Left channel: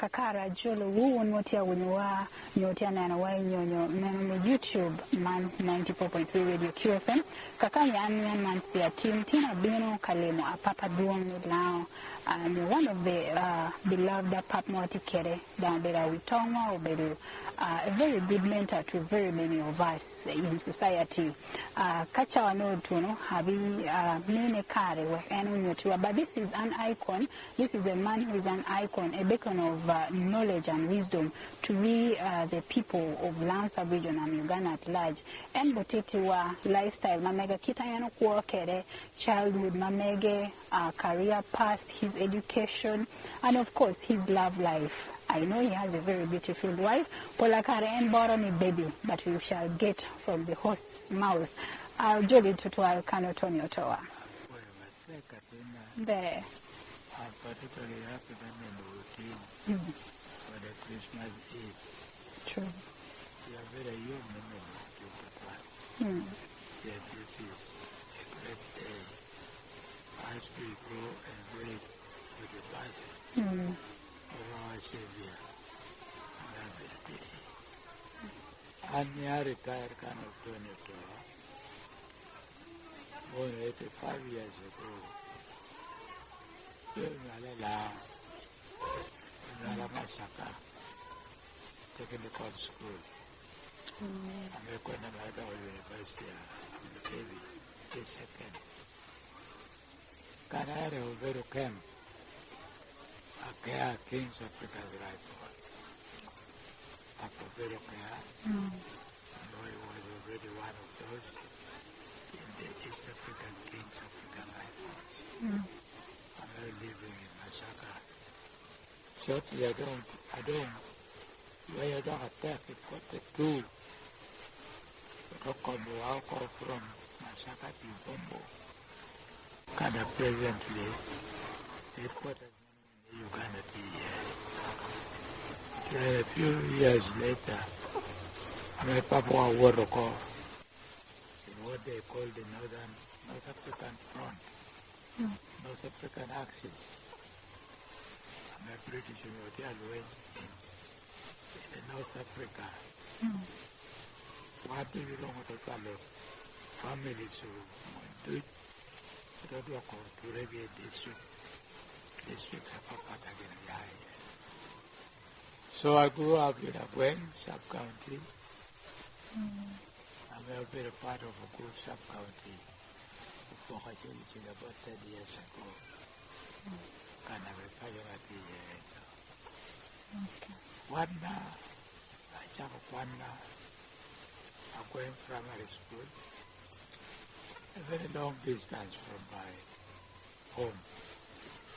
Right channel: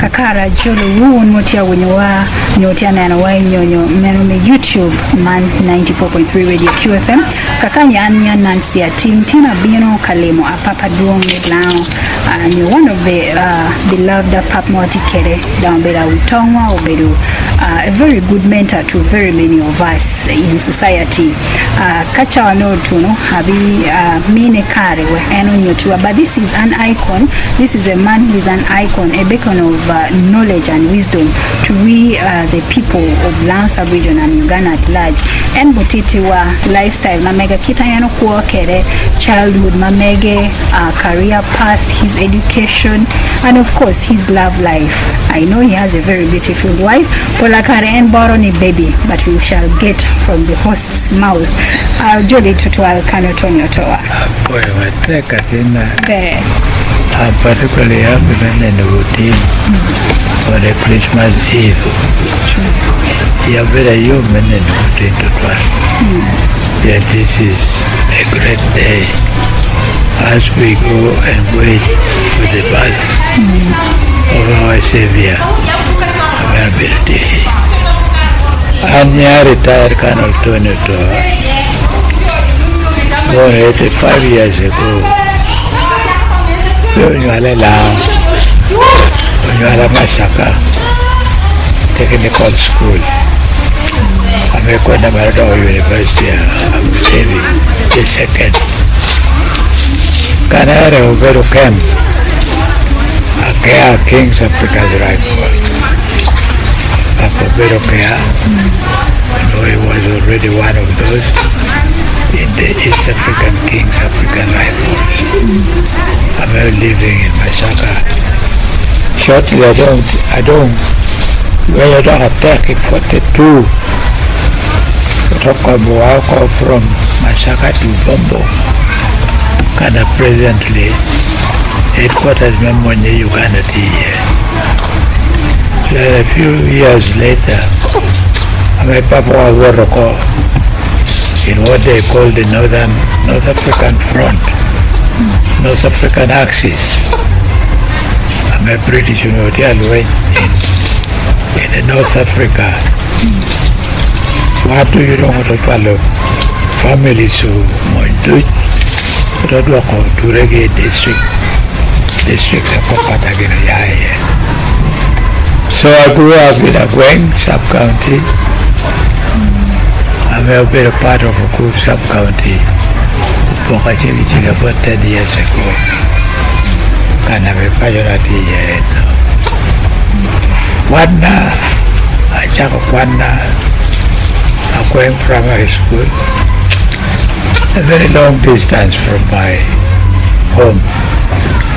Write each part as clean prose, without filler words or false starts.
kakara jolo won motia wenyowa nyotia na wa nyonyo meno me YouTube man 94.3 radio QFM kakanya anya Nancy team tina bino kalemo apapa duong medlao and one of the beloved pap moti kere down bela utongwa obedu a very good mentor to very many of us in society kacha no to no habi mine kare we eno nyotua, but this is an icon. This is a man who is an icon, a beacon of knowledge and wisdom to we the people of Lansa region and Uganda at large. And botitiwa lifestyle mamega kitayano kuwa kere childhood mamege career path, his education, and of course his love life. I know he has a very beautiful wife, Polakare and Boroni baby, but we shall get from the host's mouth. Jolly tutual kanoton OTOA. Boy, I take a dinner. I'm particularly happy in the routine for the Christmas Eve. You are very human in the routine to try. Yeah, this is a great day as we go and wait for the birth of our Savior, our birthday. And I retired Colonel Tony OTOA, born 85 years ago. When you are Masaka Technical School, I'm a University of Navy, the second. Canara Ubero Camp, Akea King's Africa's Rifle. Ubero Kea, I know he was already one of those in the East African King's African Rifles. I'm living in Masaka. Shortly, I don't, when you don't attack in 42, Tokabuako from Masaka to Bombo, kind of presently, headquarters member in Uganda here. So a few years later, my papa was in what they call the North African Front. North African Axis. I'm a British University went in North Africa. What do you know what to follow? Families who want to Reggae district of Papatagina. So I grew up in Agweng sub-county. I'm a bit part of a good sub-county. About 10 years ago, and I'm a majority here. Wanda, I took Wanda, I'm going primary school, a very long distance from my home.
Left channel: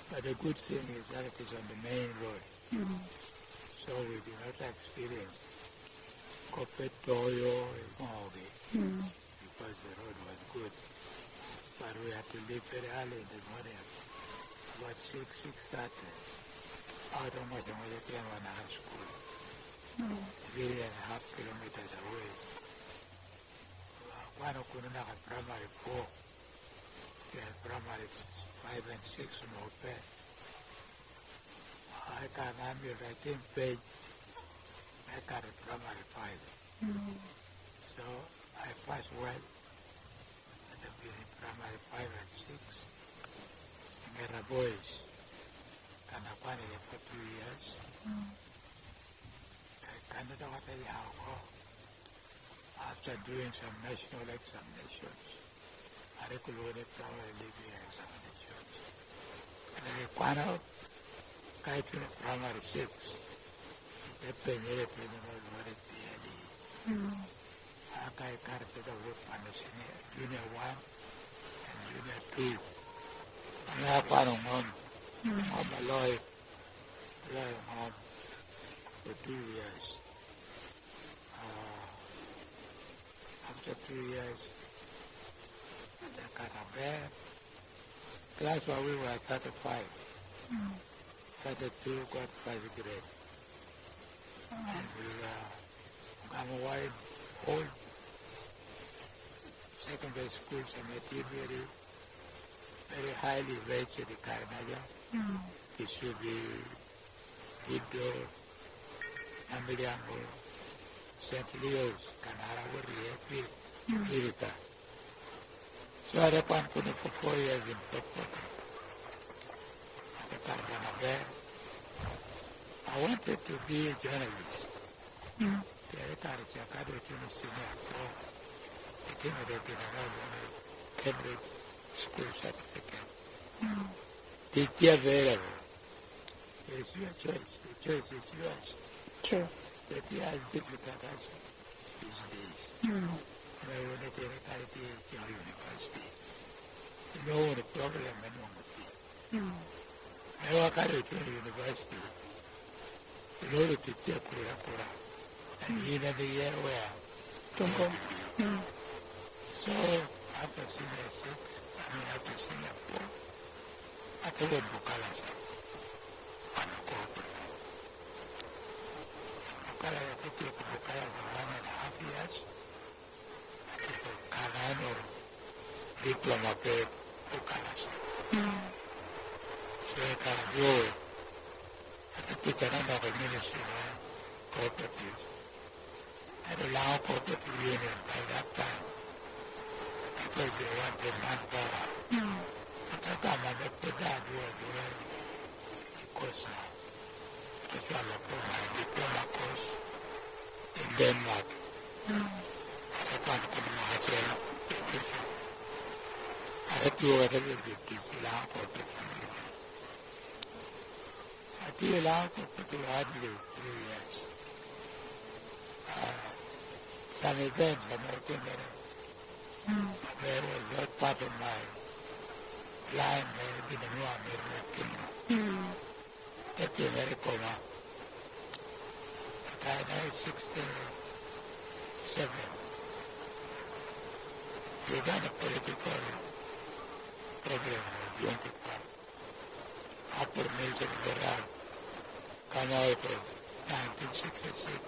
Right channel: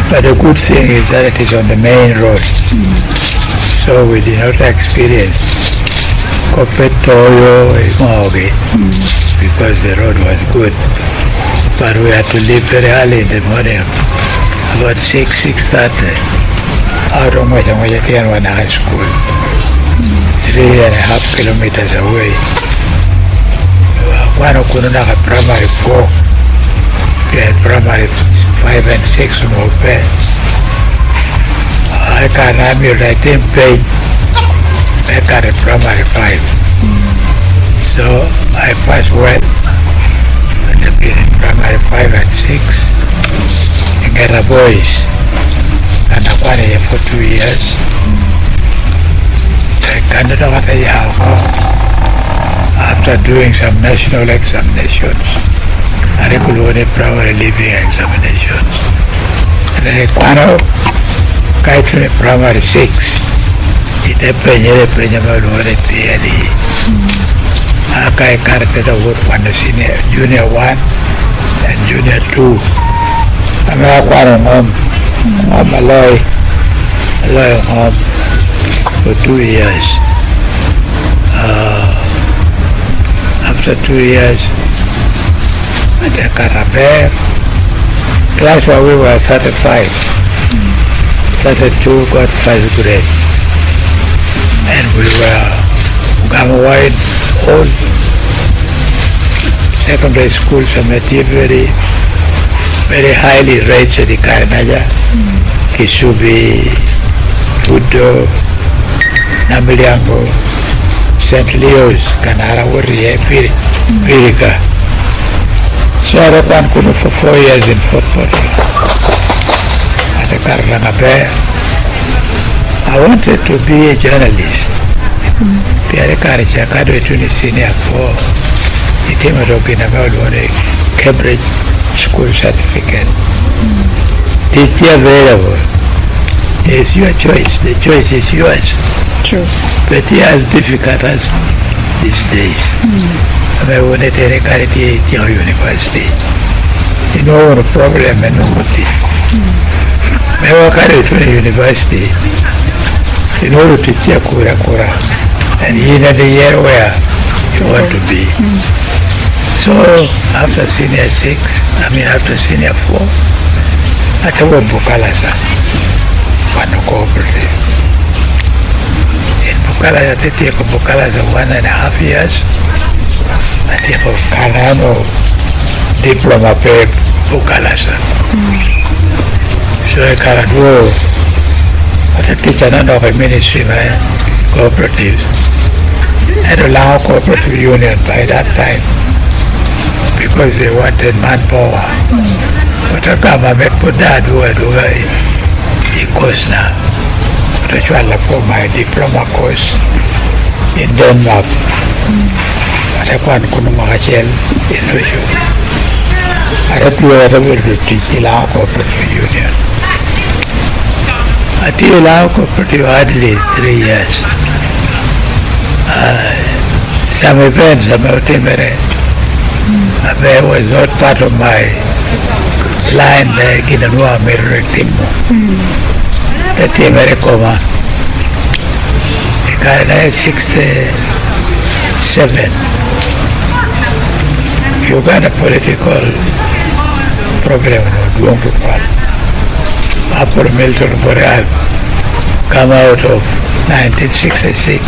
But the good thing is that it is on the main road, so we did not experience Kopetoyo, because the road was good. But we had to leave very early in the morning, about 6:30, out of my high school, 3.5 kilometers away. One of Kununaka primary 4, we had primary 5 and 6 on open. I can I didn't pay, I got a primary 5. So I passed well. I've been in primary 5 and 6 in Ghana boys, and I was here for 2 years. I can't know what I have after doing some national examinations. I could only primary living examinations. And then I got to primary 6. It I carried over from the senior, junior 1 and junior 2. I'm home. I'm a lawyer home for 2 years. After 2 years, I did Carabere. Class where we were 35. 32 got 1st grade. And we were Gamawide old secondary schools are very, very highly rated in Karanaja, Kisubi, Budo, Namiliango, St. Leo's, Canara, Pirica. So I ran for 4 years in Fort Portal as a Karanga Bear. I wanted to be a journalist. Pierre Karicha Kado Tuni Senior for the team of talking about a Cambridge school certificate. It's available. It's your choice. The choice is yours. True. But it's as difficult as these days. I wanted to carry to your university. You know the problem and nobody. I will carry to the university in order to check Kura and in the year where you want to be. So after senior 6, after senior 4, I took Bukalasa, one cooperative. In Bukalasa, I take Bukalasa 1.5 years. I take a Canano diploma pay Bukalasa. So I can't go. But I teach another ministry, man, cooperatives. And allow cooperative union by that time because they wanted manpower. But I government put that over the course now. But I tried for my diploma course in Denmark. But I can't go to Marshall in Russia. I had to teach allow cooperative union. I did allow cooperative hardly 3 years. Some events about Timere was not part of my line like in the Noah Merritimo. The Timere Coma. I 67. Uganda political problem no Upper Milton Boreal come out of 1966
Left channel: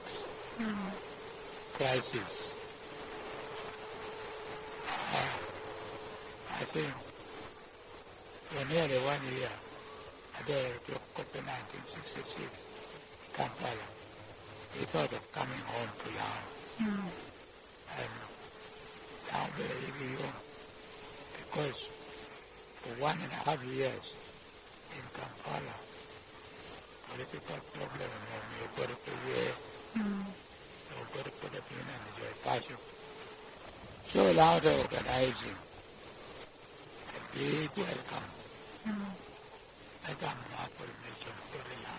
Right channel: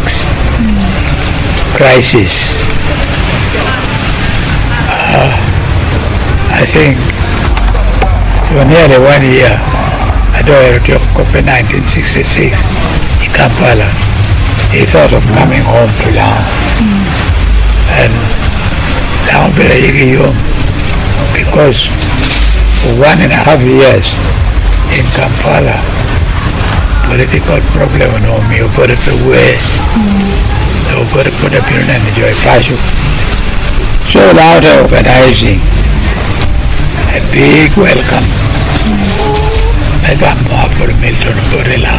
crisis. I think for nearly 1 year, I don't know, of 1966 in Kampala, he thought of coming home to Laos. And Laos because for 1.5 years in Kampala, political problem no me over the way over the put up in and enjoy passion. So loud organizing a big welcome. I got more for Milton Borilla.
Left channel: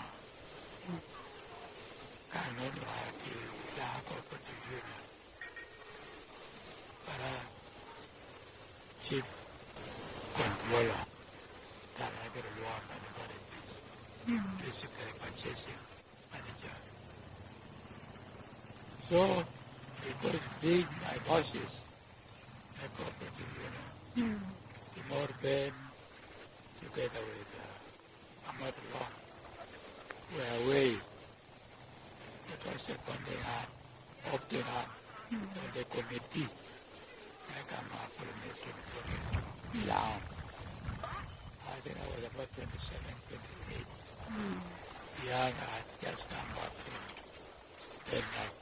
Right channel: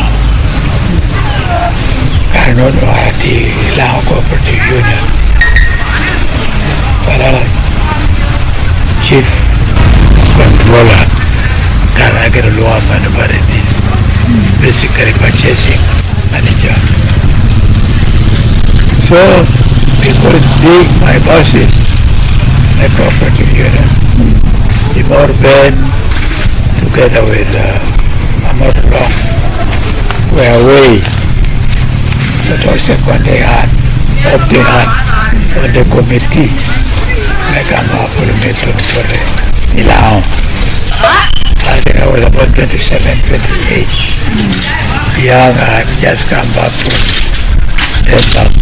I don't know how the Lao Cooperative Union. But chief controller can I get a law man about it is basically purchasing manager. So because big my bosses, a cooperative union, the more Ben together with Amor Long were away. That was when they had opting on the committee. Like I'm up for the meeting for the Lao. I think I was about 27, 28. Young, I had just come back from Denmark.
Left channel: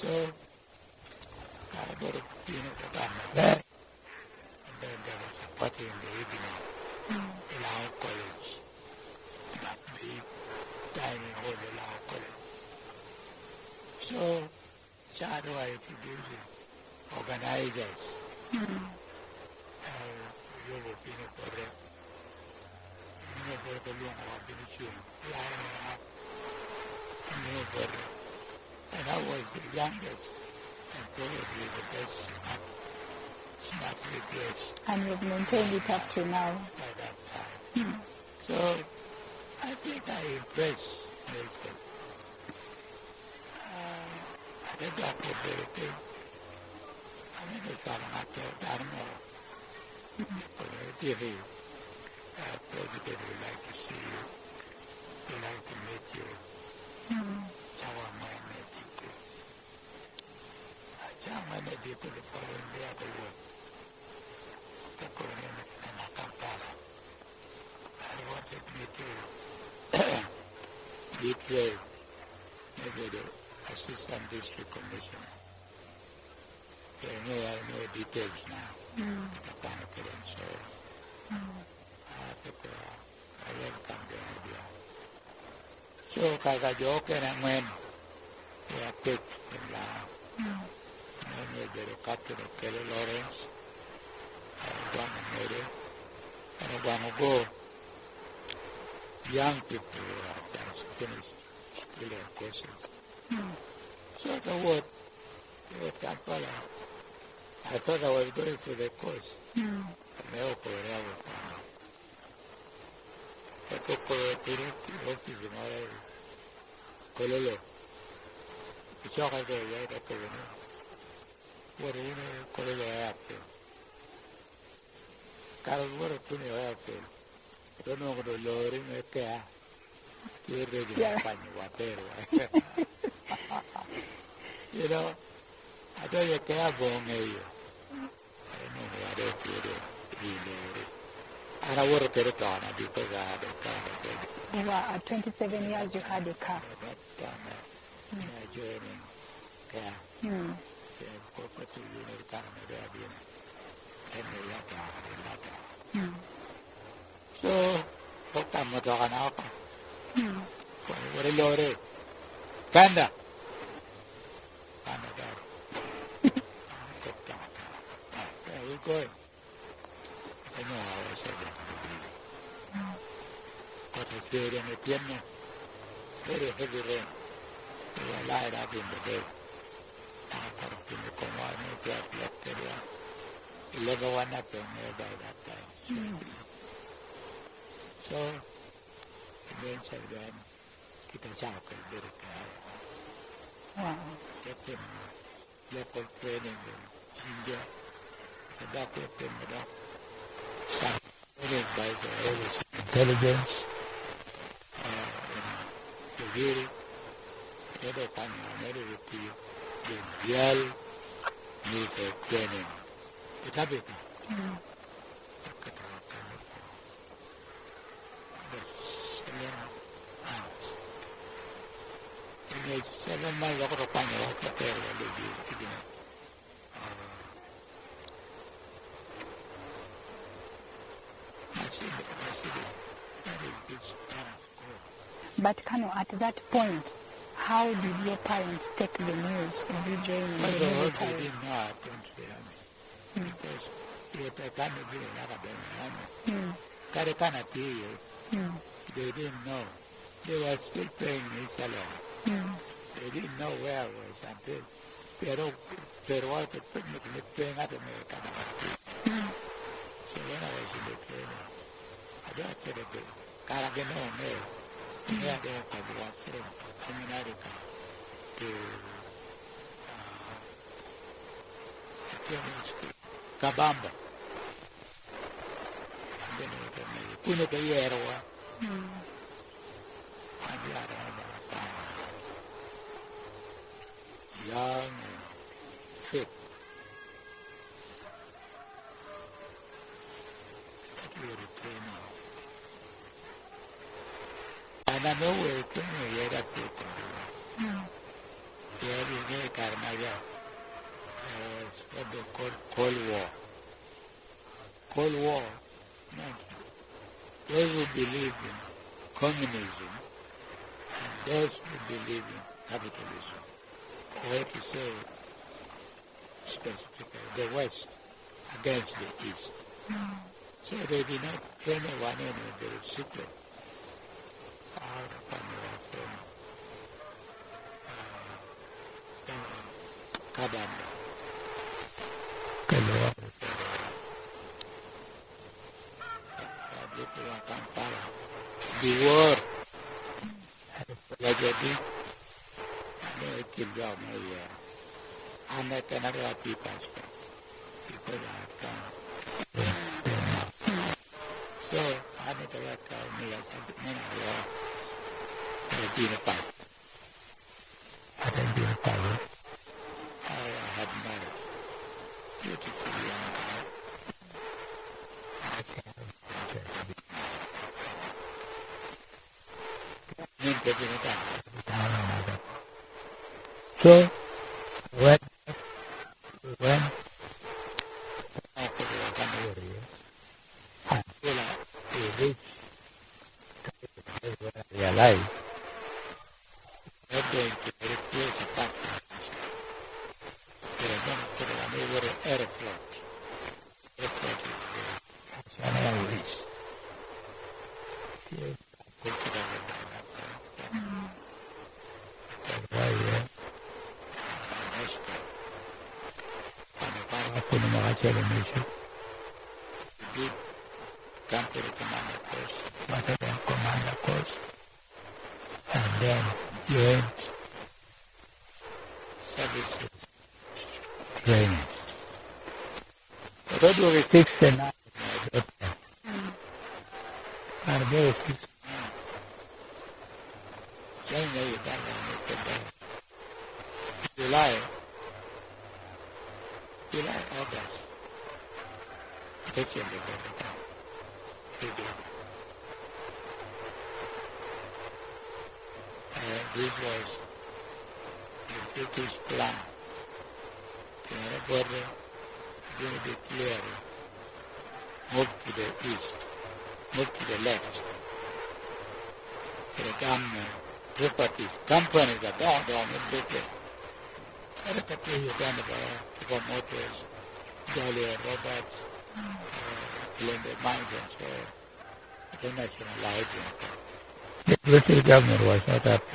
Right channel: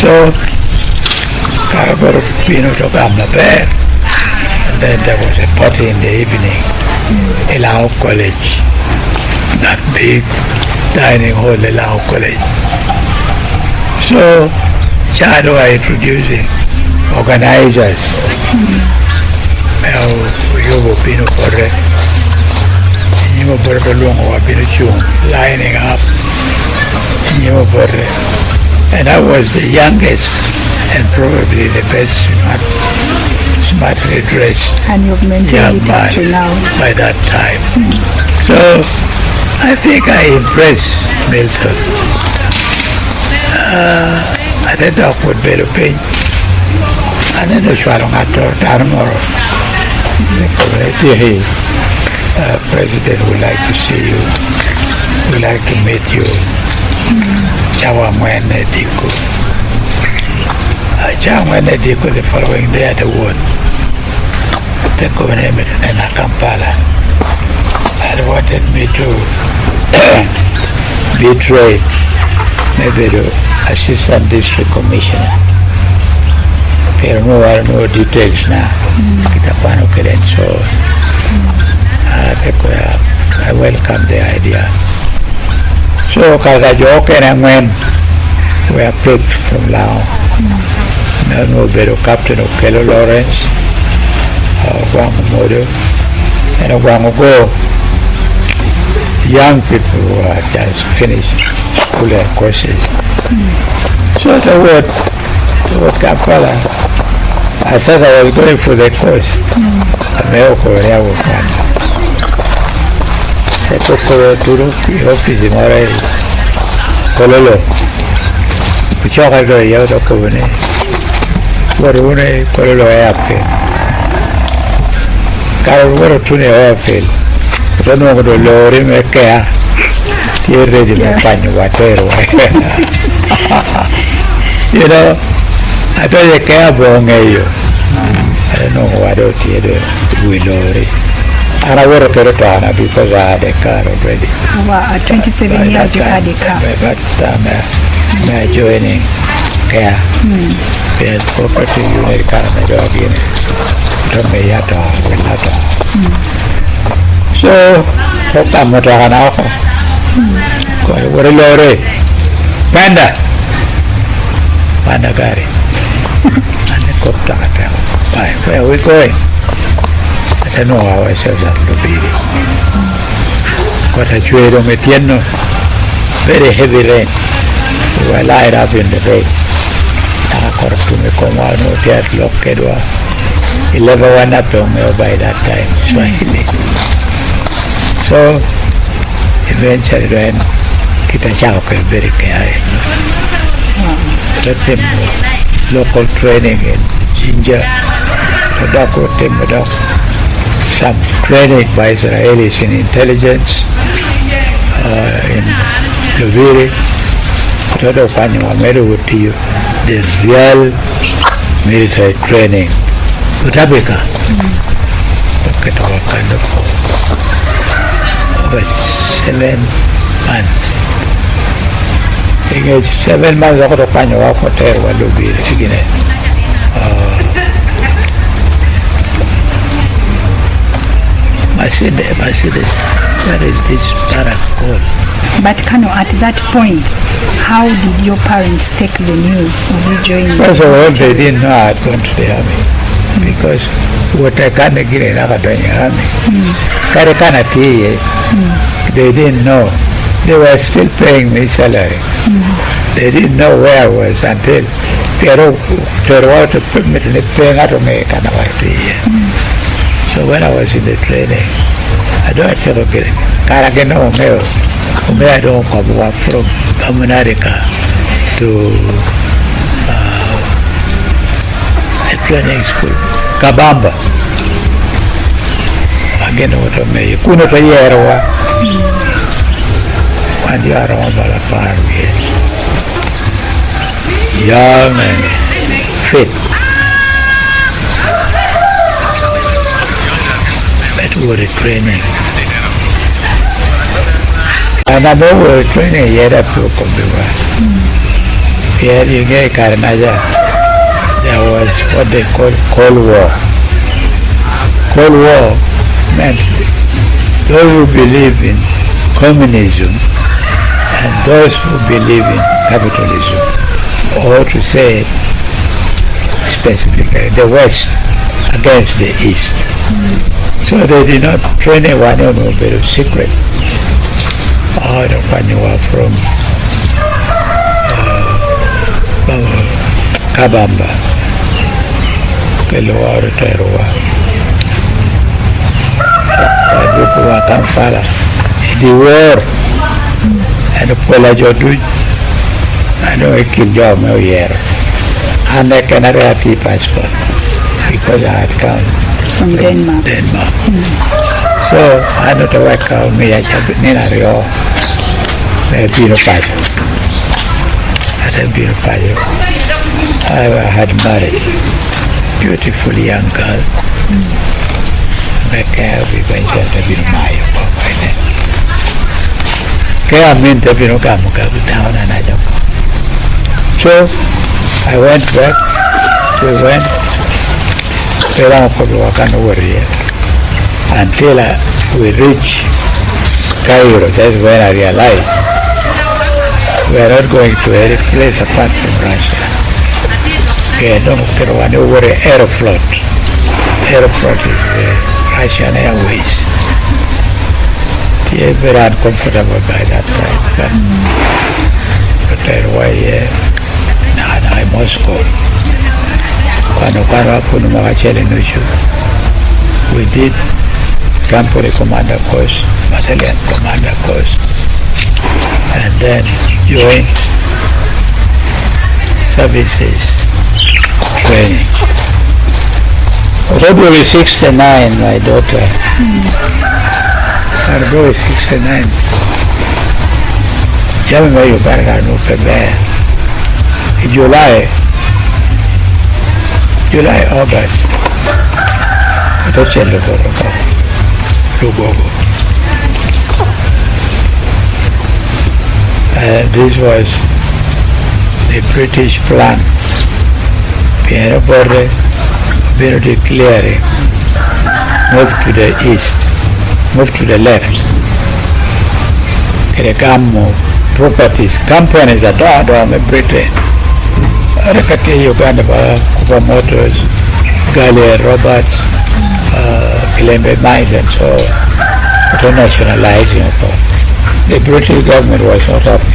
So, Caragor Pino to Gamma Bear. And then there was a party in the evening in Lao College. That big dining hall in Lao College. So, Chado are introducing organizers. Yobo Pino Correct. Nimo Borre Longo Pino Chung lining up. Nimo Borre. And I was the youngest and probably the best smartly dressed young man by that time. So I think I impressed Milton. I did talk with Bello Payne. And then the Shwarongato Darmoro. The President would like to see you, would like to meet you. Chawamwene Diko. Chawamwene Diko the following day at the wood. The government in Kampala. And wanted me to betrayed maybe the assistant district commissioner. Pero no details na kita paano kailan. So I welcome the idea. So kada joke na when we are picked from Lao. No better Captain Okello Lawrence, Guango Modo, and Guango Go. Young people who are just finished school courses. So the word Kampala, I said I was going for the course. America, I was one. I took to the office in Moray, Kololo. Which I go out of Kobane. What one Kololo airfield. Carol, what a tune airfield. Don't know what the lorry make care. You're ready to find whatever. You know, I don't care about you. I don't know what we lorry. And I would have got it because I had a car already. Wow, at 27 years you had a car. But my joining care. There's property unit car and dog in it. Don't me yet or so, I'm not an alcohol. What a lorry. Panda Gari. And the cook where are we going? I don't know how I said that to be. Got a trade on Metiano. Very heavy rain. We were light up in the bay. I got to me come on, no death lock Kedwa. 11 up on me by that time. Swahili. So eventually when kita chauke very care. Let them local training in Ginger, tobacco, timber, some training by Israelis in intelligence, in Luviri, todo Panama Meru, the real military training. Utabika. Look at all kind of 7 months. I 7 months ako to kanyo ako ter walubi sige na. Maside. Where is this paracol? But Kano, at that point, how did your parents take the news of you joining? First of all, they didn't know I had gone to the army because what I can't get in the army. They didn't know. They were still paying me salary. They didn't know where I was until they to put me in the paying out of me. So when I was in the training, I don't have to get it. I don't come from America to a training school, Kabamba. Again, what I may couldn't a year or 1 year on the farm here. Young and fit. But we were training. And I know we were training yet up to Kombiwa. Here in Karnaja, there was what they call Cold War. Cold War meant those who believe in communism and those who believe in capitalism, or to say specifically the West against the East. So they did not train anyone on a bit of secret. All the Panyua from Kabamba, Keloa, Teroa, Kampala, the war, and the Polajodu, I know I killed your here, and I cannot have the passport because I had come from Denmark. So I don't know what me I have been a real passport. I had been a passport. I had married beautiful young girl. We went to be my So I went back. We went. Until we reached Cairo. That's when I realized we are not going to any place apart from Russia. Over Aeroflot. Aeroflot is Russian Airways. They were very uncomfortable by that time. But I must go. We did Campoli Commander course, Battalion Commander course, and then joint services training. February 69, my daughter. February 69. January, July, August. This was the British plan. Piano border, very clearing. Move to the east, move to the left. Properties, companies that are Britain. Uganda, Kuba Motors, Gallia, Roberts, Kilembe Mines, and so internationalizing. The British government was not happy.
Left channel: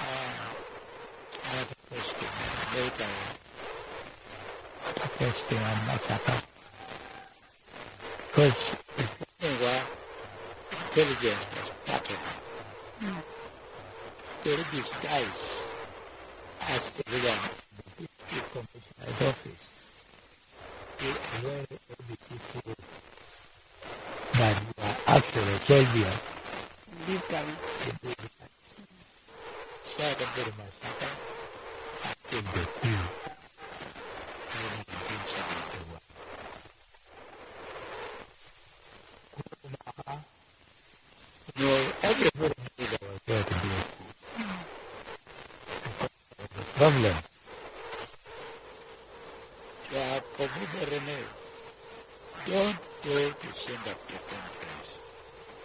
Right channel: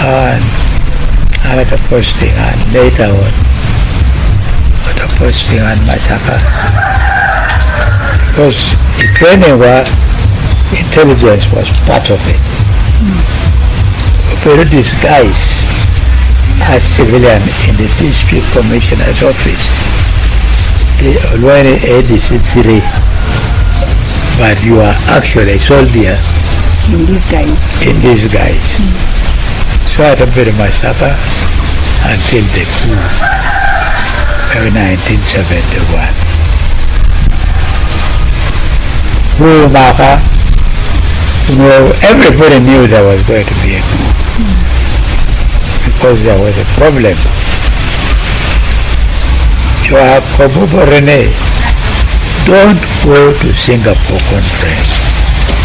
And I had a posting and later on, a posting on massacre. Because the training was, intelligence was part of it. Very disguised as civilian in the district commissioner's office. They already ADC 3, but you are actually a soldier in disguise. So I had a very massacre until the coup of 1971. Everybody knew there was going to be a coup because there was a problem. Don't go to Singapore conference.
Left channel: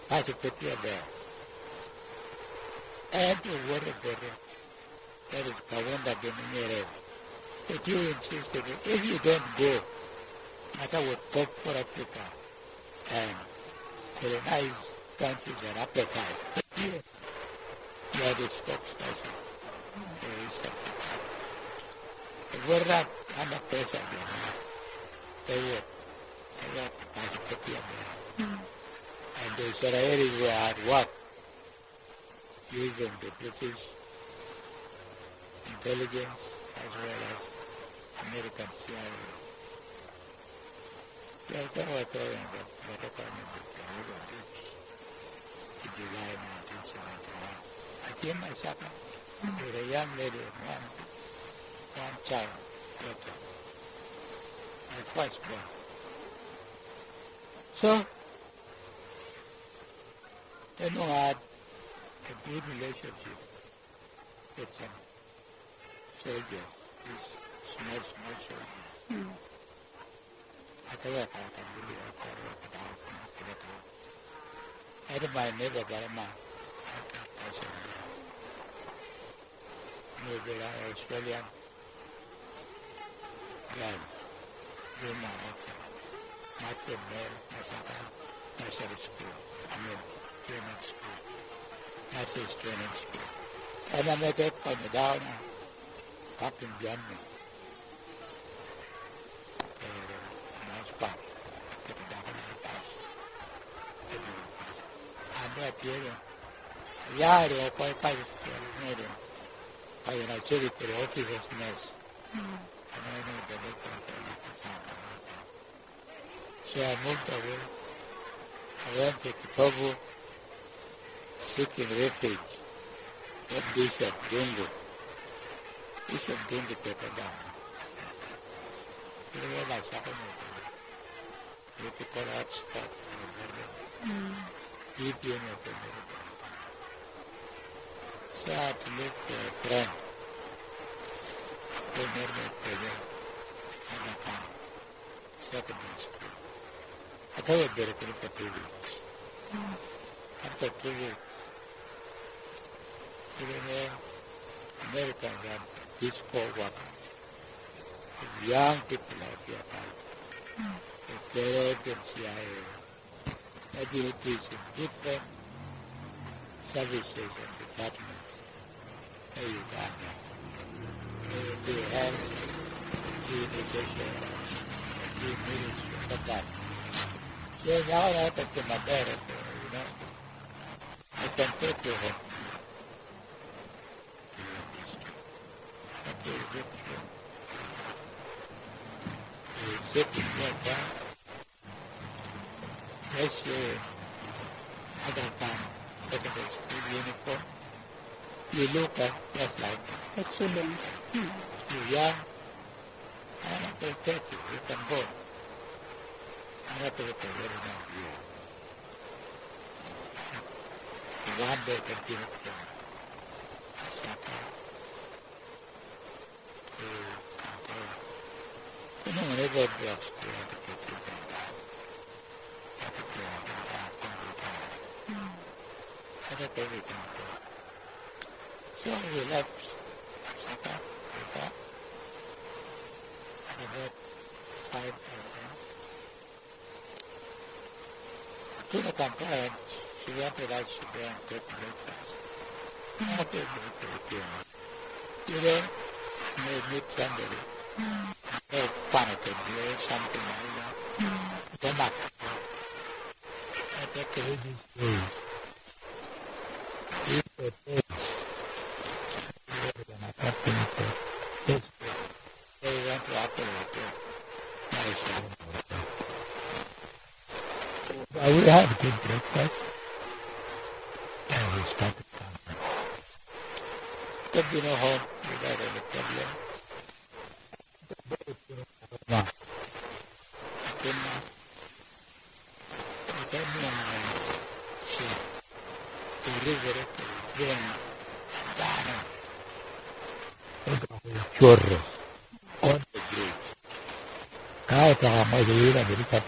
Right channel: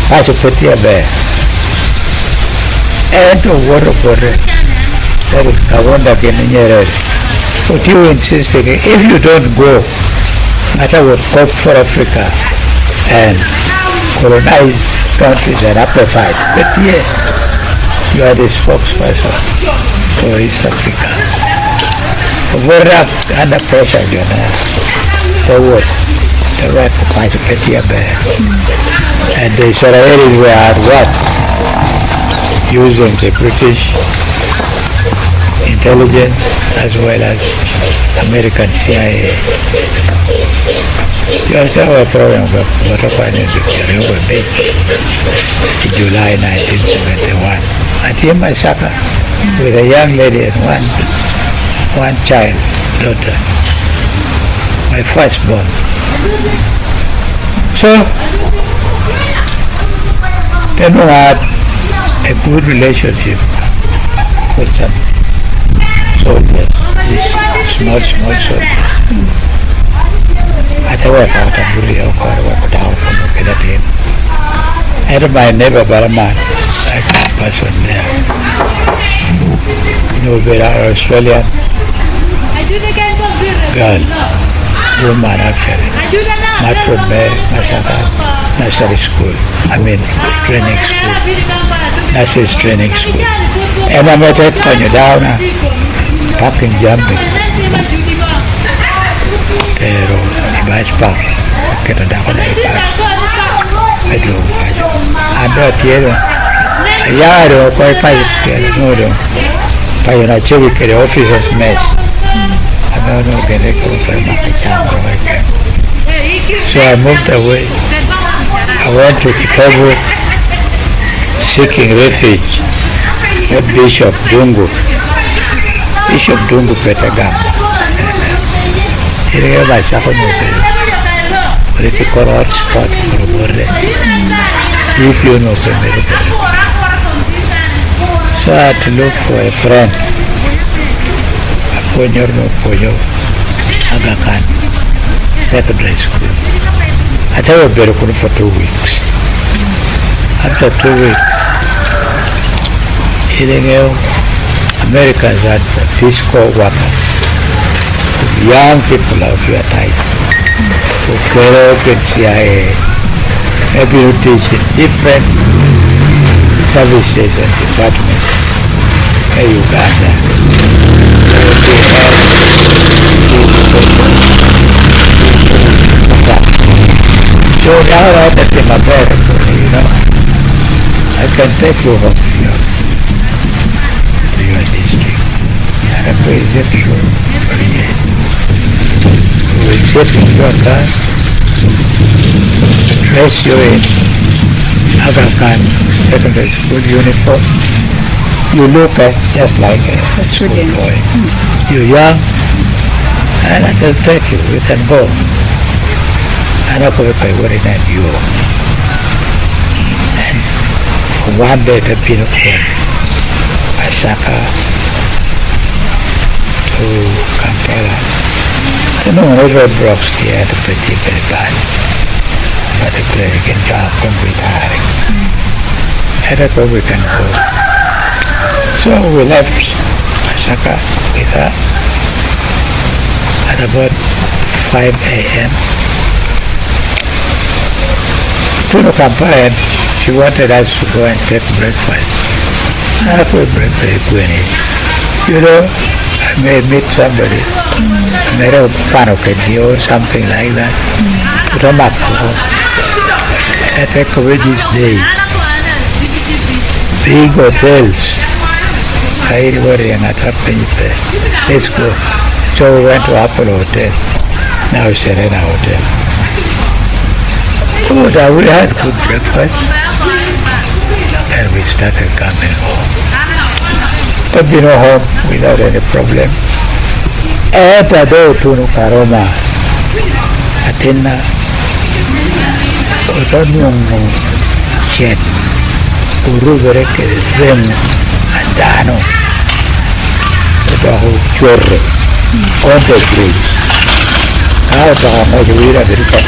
As a Petia Bear. And to water border. That is Kawanda Kenyere. But you insisted if you don't go, matter what hope for Africa and colonize countries and apartheid. But yes, you are the spokesperson for East Africa. We're under pressure, you know. The what? The right to fight a Petia Bear. And the Israelis were at work using the British intelligence as well as American CIA. Just our program of water finance in July 1971. And here my supper with a young lady and one child, daughter, my firstborn. So then we had a good relationship with some soldiers, small soldiers. I work out and really work down from the team. And my neighbor Baraman, like a person there. You know, there are Australian girl, woman actually, not from nursery school, training school, nurse's training school. And I met her when you're down, parking jumping. Pero, ibas pa, kita dah kena ibas. Aduh, ada tiada. Ya, ada kau ipas tiada, no do. Pakai nak cari ke officer's mess. No, kena kau pergi makan. So I moved away. I went to Chicago, seeking refuge with Bishop Dungu Petagam. Here by Sakomoto, political hotspot for Borre. If you know America. So I had to look for a friend. Ponyo, Aga Khan, secondary school. I tell you very good for 2 weeks. After 2 weeks, Americans had Peace Corps workers, young people of your type, who go get CIA, maybe you teach in different services and departments in Uganda. So now that I'm American, I can take you home to your district. I pay exception for years. We will sit in your car, dress you in Aga Khan secondary school uniform. You look just like a school boy. You're young, and I can take you. We can go. I don't know if I worry at you. And for one day, the been from Asaka to Kampala. I don't know what roadblocks here had to pretty very bad. Particularly in Japan with hiring. I don't know we can go. So we left Asaka with her at about 5 a.m. To Kampala, she wanted us to go and take breakfast. I could breakfast when I may meet somebody, maybe a panokedi or something like that. But I'm back for home. I take away these days. Big hotels. I worry and I thought, let's go. So we went to Apollo Hotel. Now Serena Hotel. Oh, we had good breakfast and we started coming home. But home without any problem. And I do to Karoma. Atina. Otonyo Chen. Urubereke Rem Andano. Otaho Chorre. On the bridge. Out of Majuira America.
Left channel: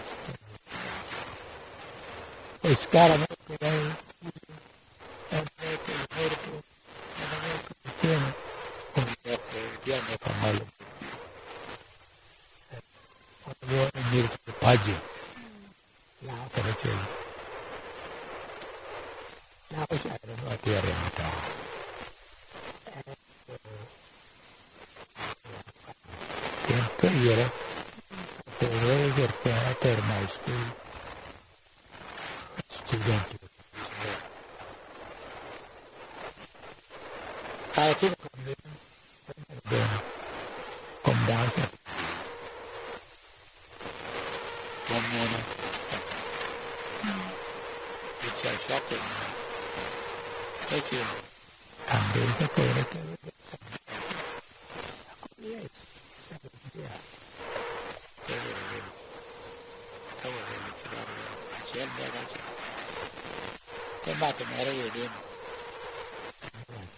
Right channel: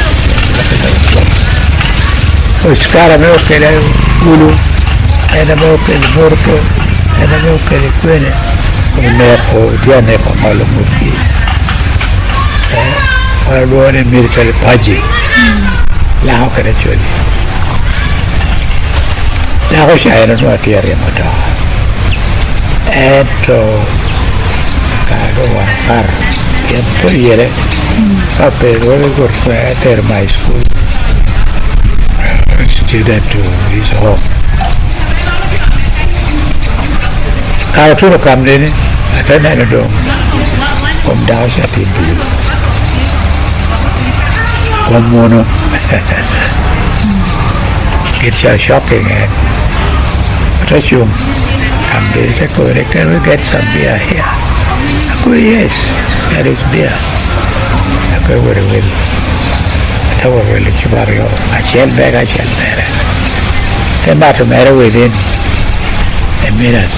Oscar meu que era Ulu, era meu que ele morto, era meu que ele quene, o neco, dia neco malo murki. Alone military paji, la ho kare choli. La ho shaira no atiare mota. Eto kago war che poi ieri vabbè dove corso a my school. Student to his home. I told him to come in, I turned the door, come down at him to you. One mono. It's shocking, but I come there, I go, can we get some beer here? I go, yes, there is beer. I go, very well. I shall bear. Came back to matter within a minute.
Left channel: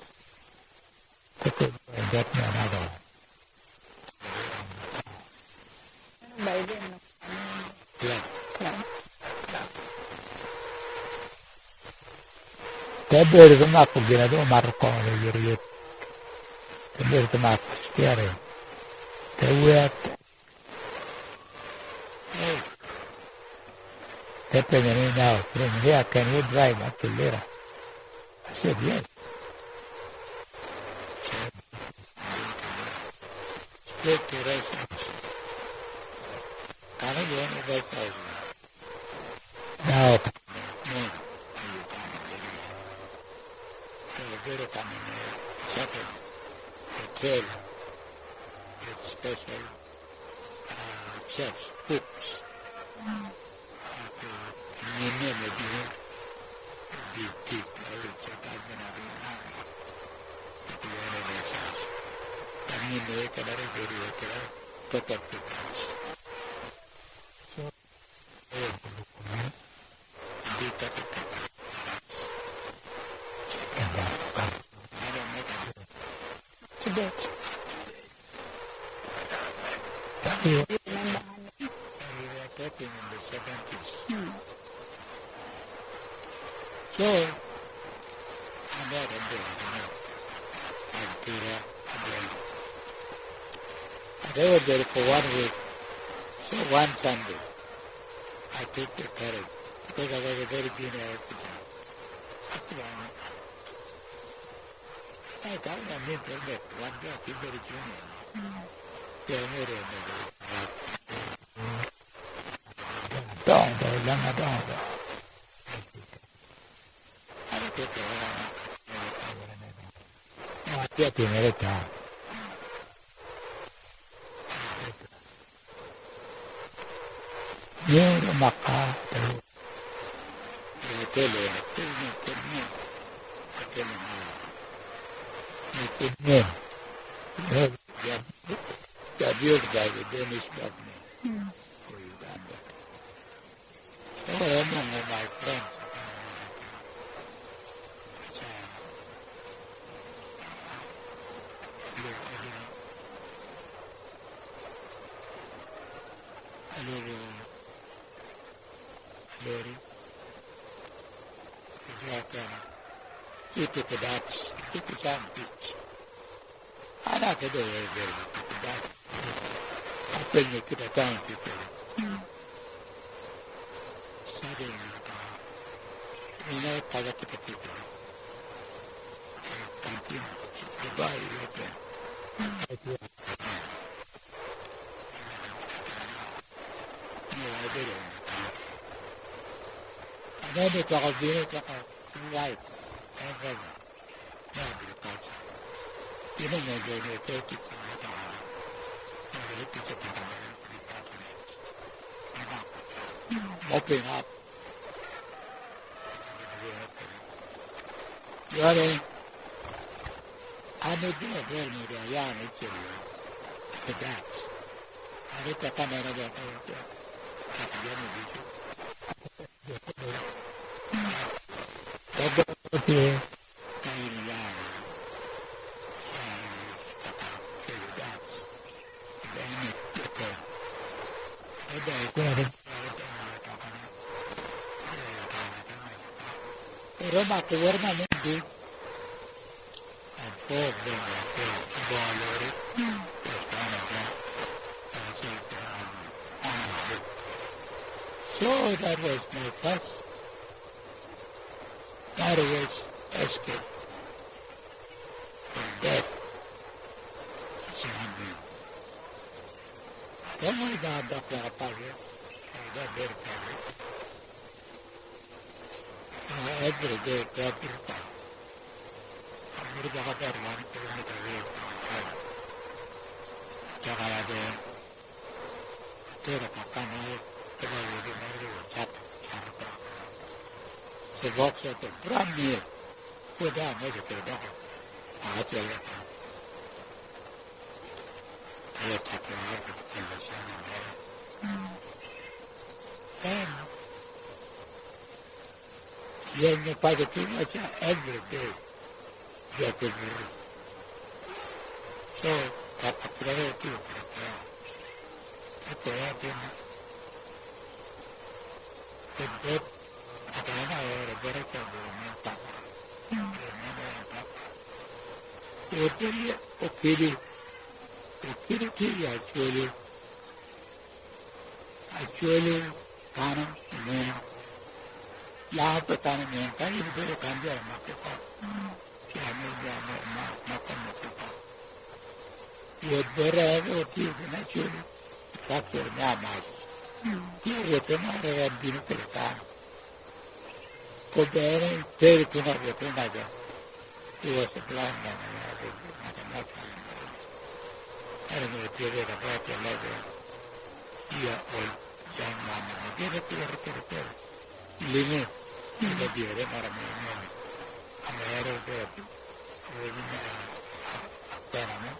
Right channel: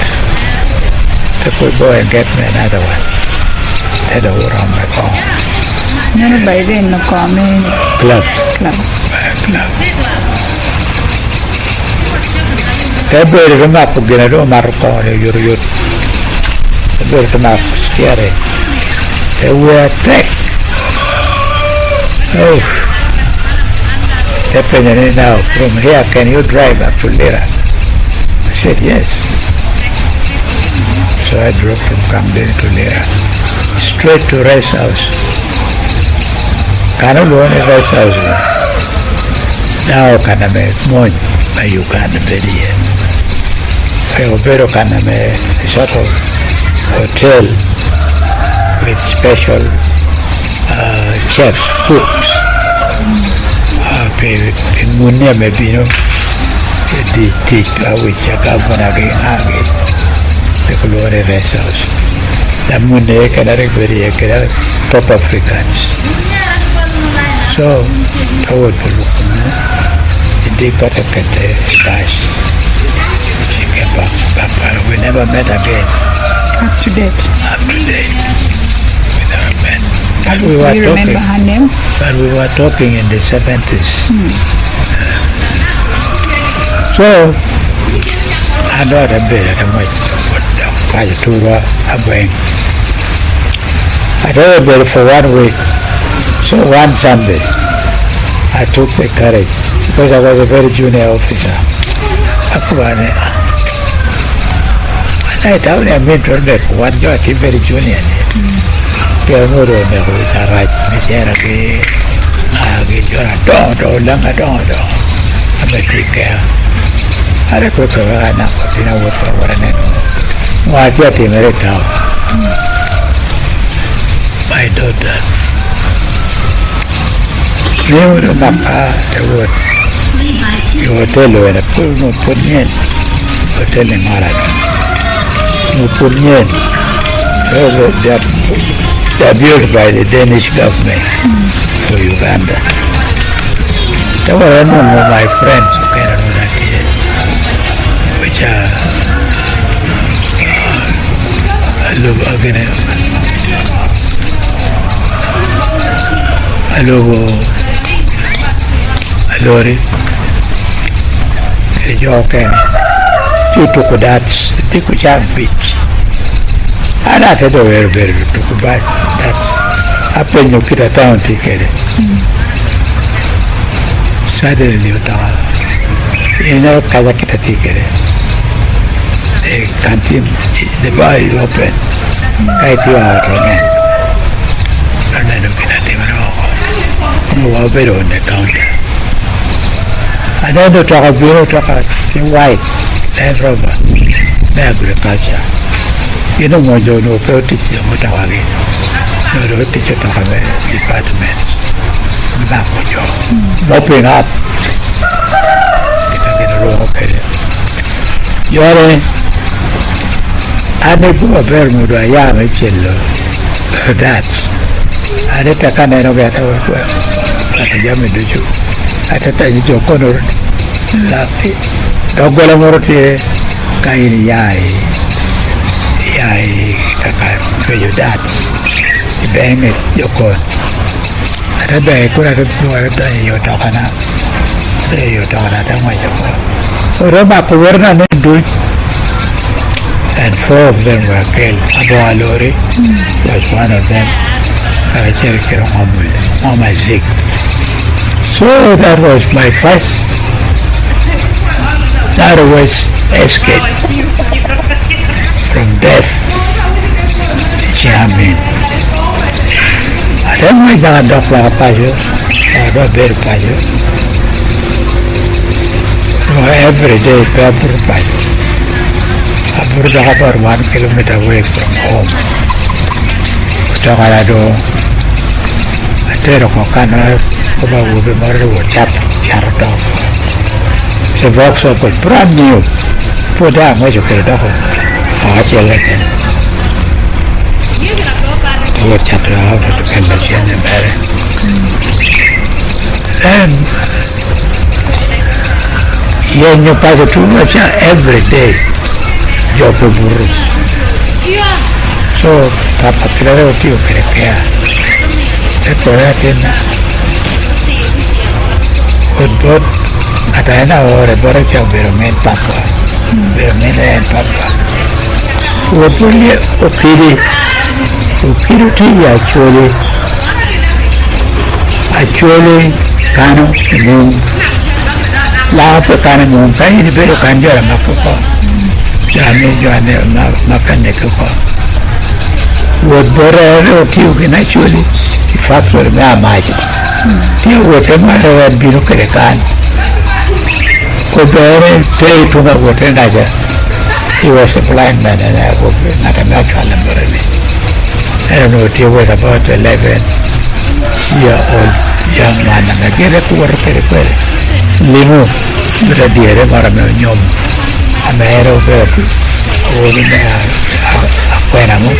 So could go and get me another one. Head over on my car. No, by then, no comment. Club. Everybody come up again. I don't matter. You're everybody come up. Scary. They were attacked. Oh. Definitely now, from here, can you drive up to Lira? I said, yes. So I drove from Camden to Lira, straight to Rice House. Can't go any Rice House. Now can I make money by Uganda very year. I opero can I make a sort of hotel with special chefs, cooks. In Munia maybe the teach which a governor the Colorado Rest House. The Munia can very top Africans. So, toward Pulukuna, the deep Patakate dies. She came back. We never met again. Up to date. We never met. And we Do were you talking, remember her name? but we were talking in the 70s. So, I know a bit of what I told her about. I told her for 1 week. So one Sunday, I took the courage because I was a very junior officer. I told him to make one job, very junior. Don't take care. I don't know what my daughter. You don't know you were telling a poor no punyan, or telling Marathon. No punyan. They're built by the Danish government for Uganda. There were none of my friends who came around that here, which are Lori, Joken, you took that, they could have beach. And I said, very took back that. Happened to get a town ticket. Suddenly, you know, Kazakita ticket. The canteen, the bar is open. I do out again. And I look at him and no better on the counter. I don't know talk about white, Land Rover, agriculture. You know what you know, teach you what I mean. No, teach you talk about department. Back on you. Open up. Get a row of it. You're I make a very good young child. That's I did a kind of better work. I jammed you. I thought you corner. Dogwell Morte, Kairi Yai, Kaka, your dad. Bang it, your court. I thought I could have done your talker. There you talk at a way. Roma Kuverna do it. And 4 of them were killed. Abu Alori was one of them. Mama Zik. So that was my first. That was escape from death. Jamming. I don't know if I don't like a passion. I don't very passion. Every day, paper passion. I put about 1 kilometer away from home. Tagalado, I tell you, Kokana, Kuba will be more than Charto. The box was brand new. Put down what you could have. I tell you, what chapter out of the convention and better. Then, you pass too much every day. So, Papa creo que crea. Recuerda Woodbot, Atana or a Boraka Beromen Papa. Beromen and Papa. Woodbully Opiri actually, Kano, Moon, Lapa Kano, Kaini Bero Kanjara Makoko. Would borrow you actually, if I were my magic. You would have had been okay. Could pay to the water neither. He was a blind man and I was not a natural number. I don't know what he was about 11-year-old young man and I get a poor very Limo, but a dear Maramon. A man of holding a Quenamo.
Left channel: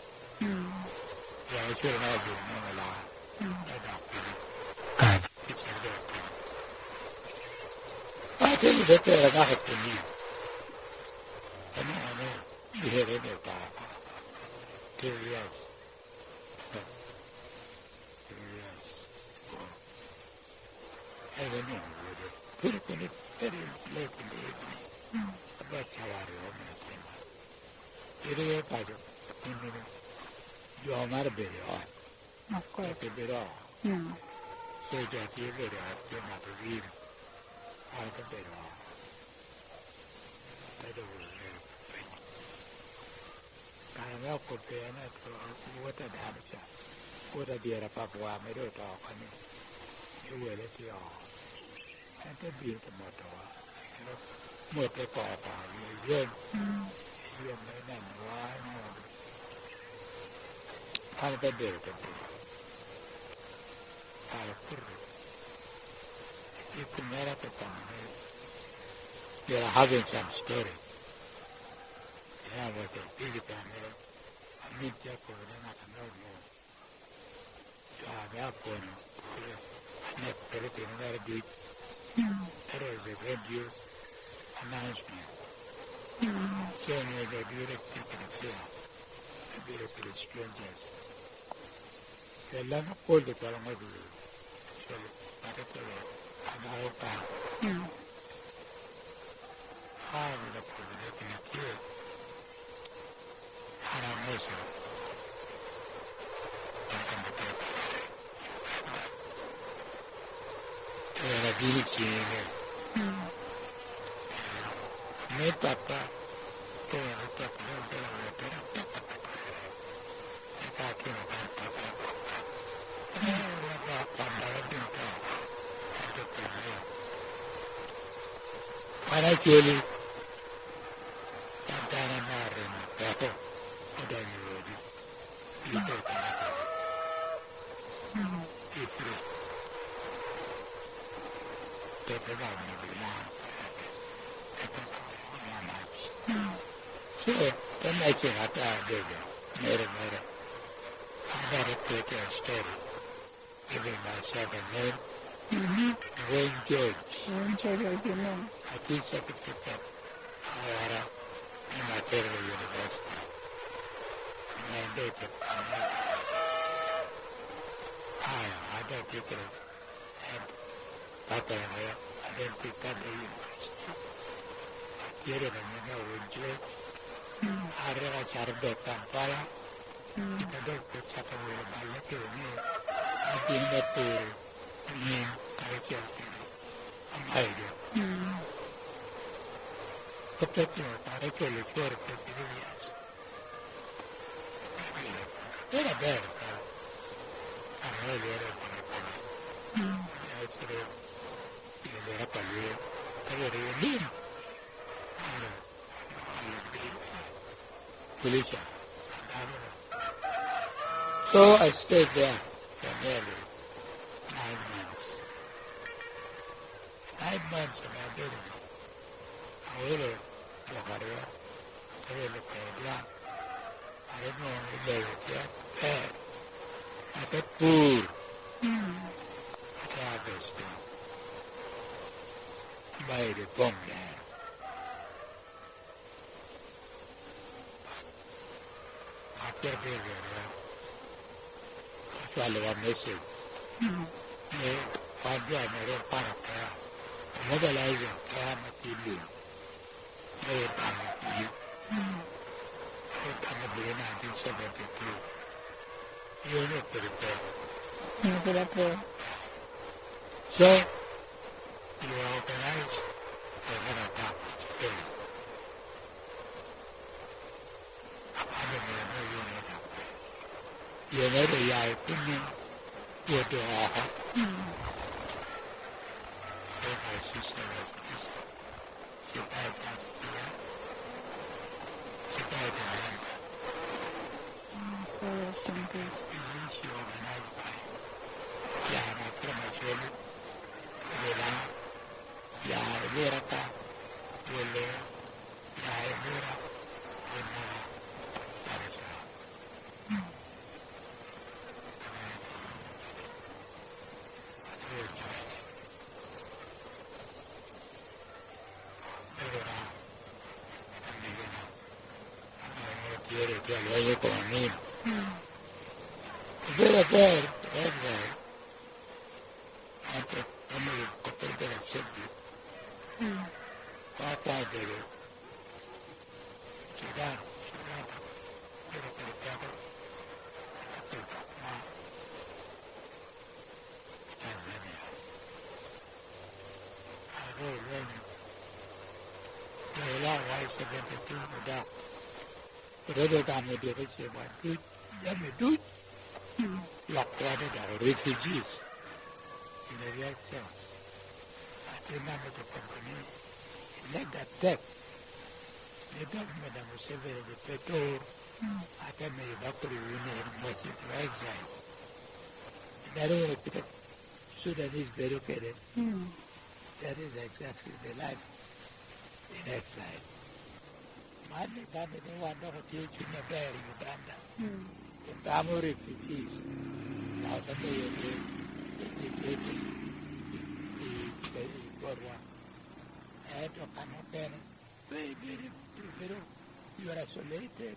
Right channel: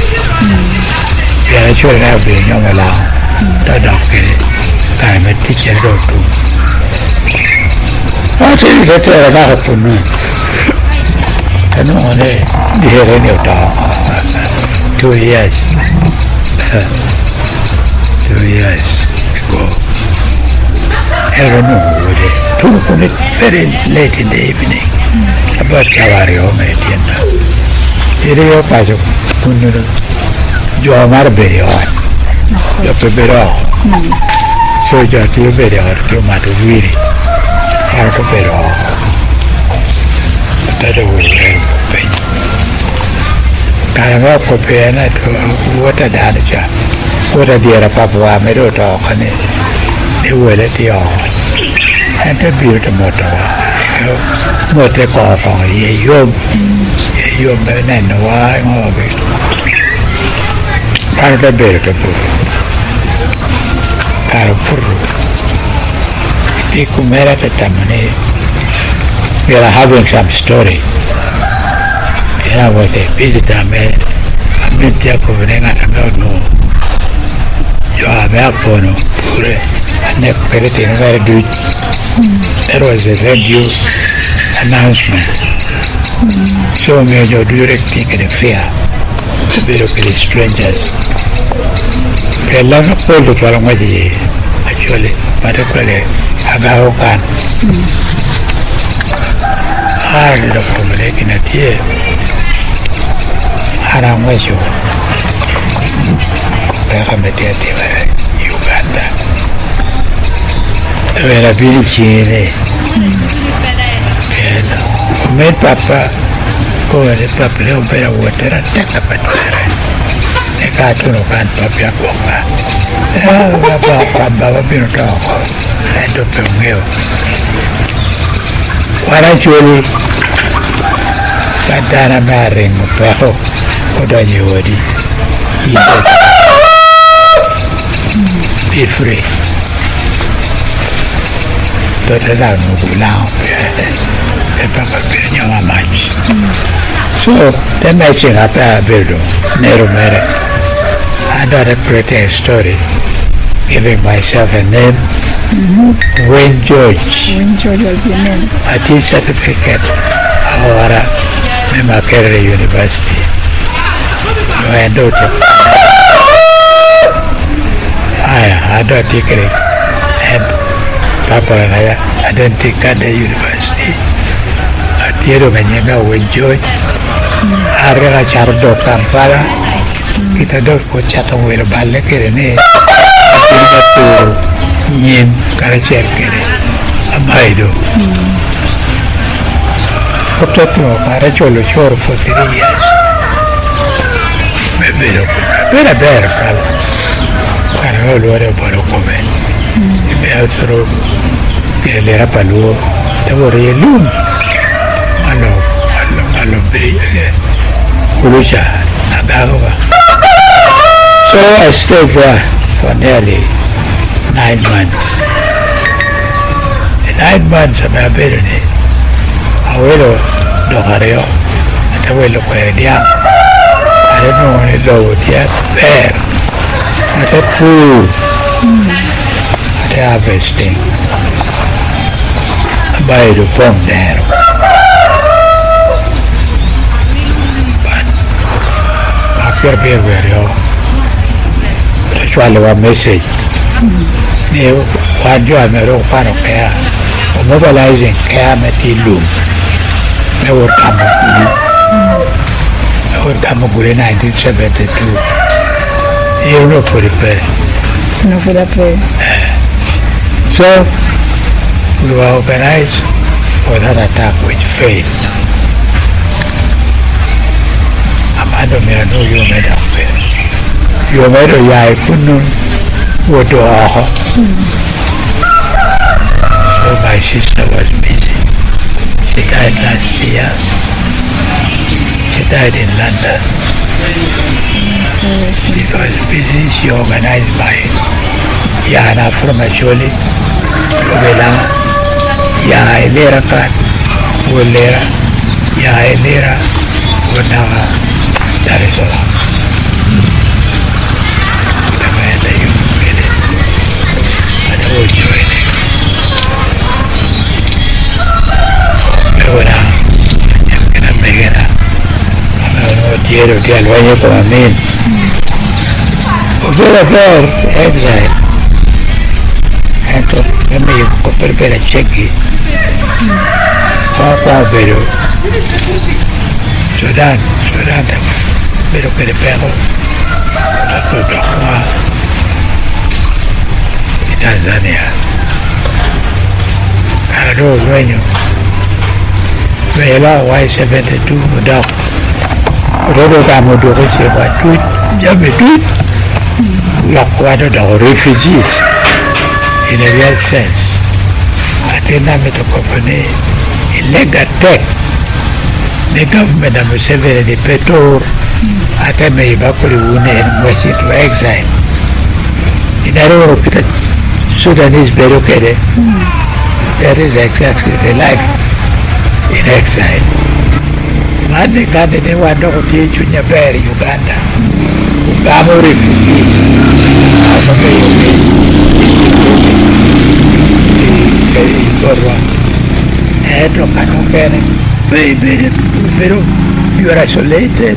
Piara chore na be nyoma la. Ta dokkere. Kai me teacher do tu. Ati che te era da punno. No, di Herenio 2 years. 2 years ago. I don't know what it took very late in the evening. About Cavario, my dear. Io faccio un giovane berio. Io però. So già che io berio, io mato guiri. Io però. That was very Caranga Copiana to what a danaja. What a dear Papa Meadow talk on it. They will at the all. And a beautiful motor. Motor call on ye, you men and why of it. Kind of a beautiful. Carapuru. Ticumera at the Tamane. We are having some story. Yeah, what a visit I made. I mean, Jacobining at a no. You are there for no, and never put it in very good. There was a radio announcement. So, Major directing the fair to be looking at strangers. A lot of people from Wadi, actually, particularly Agaokan. I look for making a tear. I don't wish you. Welcome to Uganda. Where a village in made Papa go and the Papa little bit of water and take up a chair. The cartoon of Aunt Papa Goka. Baba Pinto and Dr. Mill. What actually Santana marrying Peho, what are you already? Be free. But I don't know now. So, the matching up a building, Nero Mere. I got a pretty story, giving myself a name. Wayne George. Wayne George was the name. A tea certificate. Ahora, me Makerere University. No, I don't. I don't take it. And Papa and I don't take the university. A tiro Benyaga Wayne George. Arra Chardo Kampala. Kita do ko chato wera balle kere ne. Yin kara cercare Abaido. Potrebbe fare ciolo cioro foteria. È vero, vera cara. Cara lo era buono come. E altro che l'era paluo, devo rielum. Allo brille. Quello già andava. So I stayed there for nearly 9 months. In 9 months of my business, abuelo lo gareo, abuelo cuería, I don't know when it low yet there. At a pool, at a harvesting, by the pump there. But after being very old, that's why I was message. Nếu quan trọng là đâu quan trọng cái mobilizing cái mà đi luôn, mới vượt qua một cú 1972, yêu nó phải được, No for that way. So we were organized for that attack which failed. Amado me no yo me da pe. Yo me do ya kunu OTOA. So my sister was busy. She died last year. She died in London. She was busy. She organized by Yana from Acholi, Yobela, Ya Elera Kat, Ulera, Ya Elera, Unaga, Dar es Salaam. pero que al baño como a mí. Pero ver, exile. Entonces, yo me compré para cheque. Papá, pero Sudan también. Pero que le pego. Y Tanzania. A los dueños. Me la Y-72 mudao. Rodo kamo doko siapa tweet, jamme tweet. Lakwano da refugees in a real sense. Atena meto company illegal tech. The government of Museveni, the Petor, Atame Bakuri Wune and West into exile. In Aruba, Sudanese Berukere, that is exactly the life in exile. Mane kande ne wando kutie chunya beri Uganda. Ugamo refugees. Amake yoke. Igorwa. Eto kanokene. Pero you are isolated.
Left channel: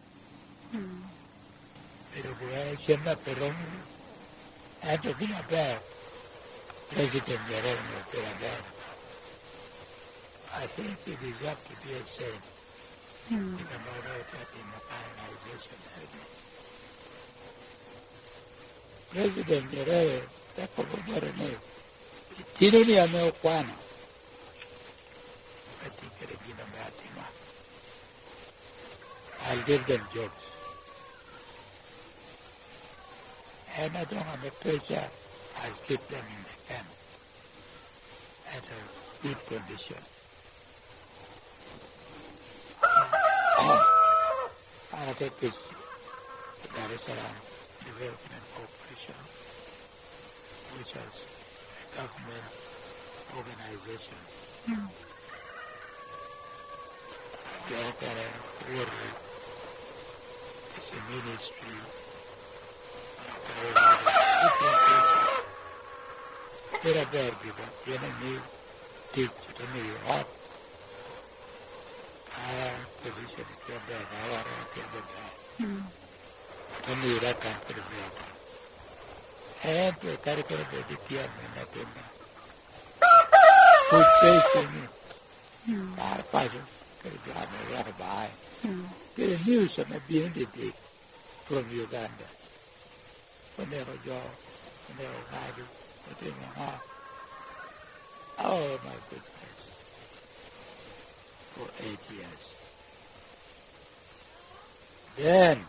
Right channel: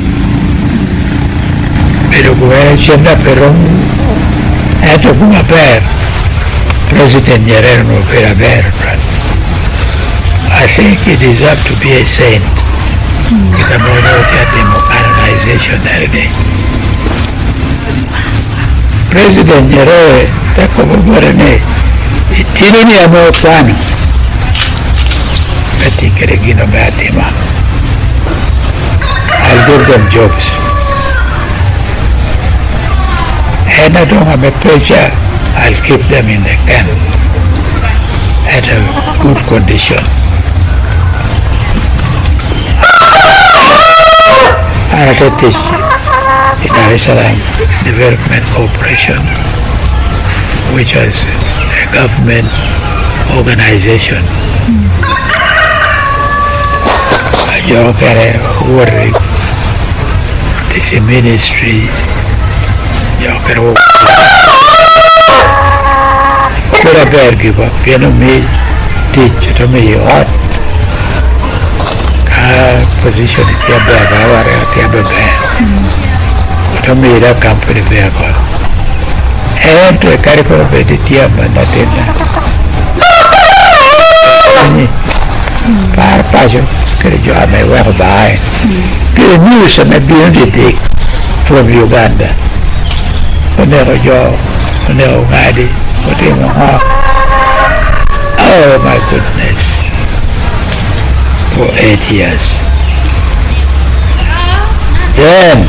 Pero kuwera chenda pero eto kuma per. President Nyerere no pera ber. I think he deserves to be a saint. Kita mau lihat democratization dari ini. Presiden Nyerere tak kebobor ini. Ini ni amo plano. Berarti kira-kira berarti mah. I'll give them jobs. And I don't have a pressure. I'll keep them in the camp at a good condition. I did this in Dar es Salaam Development Corporation, which was a government organization. Yo quería work, this ministry, yo quería ver give up, you know me, teach to me what. Position it here back, our table back. To me, that company vehicle. And to a caricature of the team and that in Par passion, could you have my well by? Get a news and a beauty from Uganda. Whenever you're, whenever Gadi, whatever. Oh my goodness. For 8 years. Then,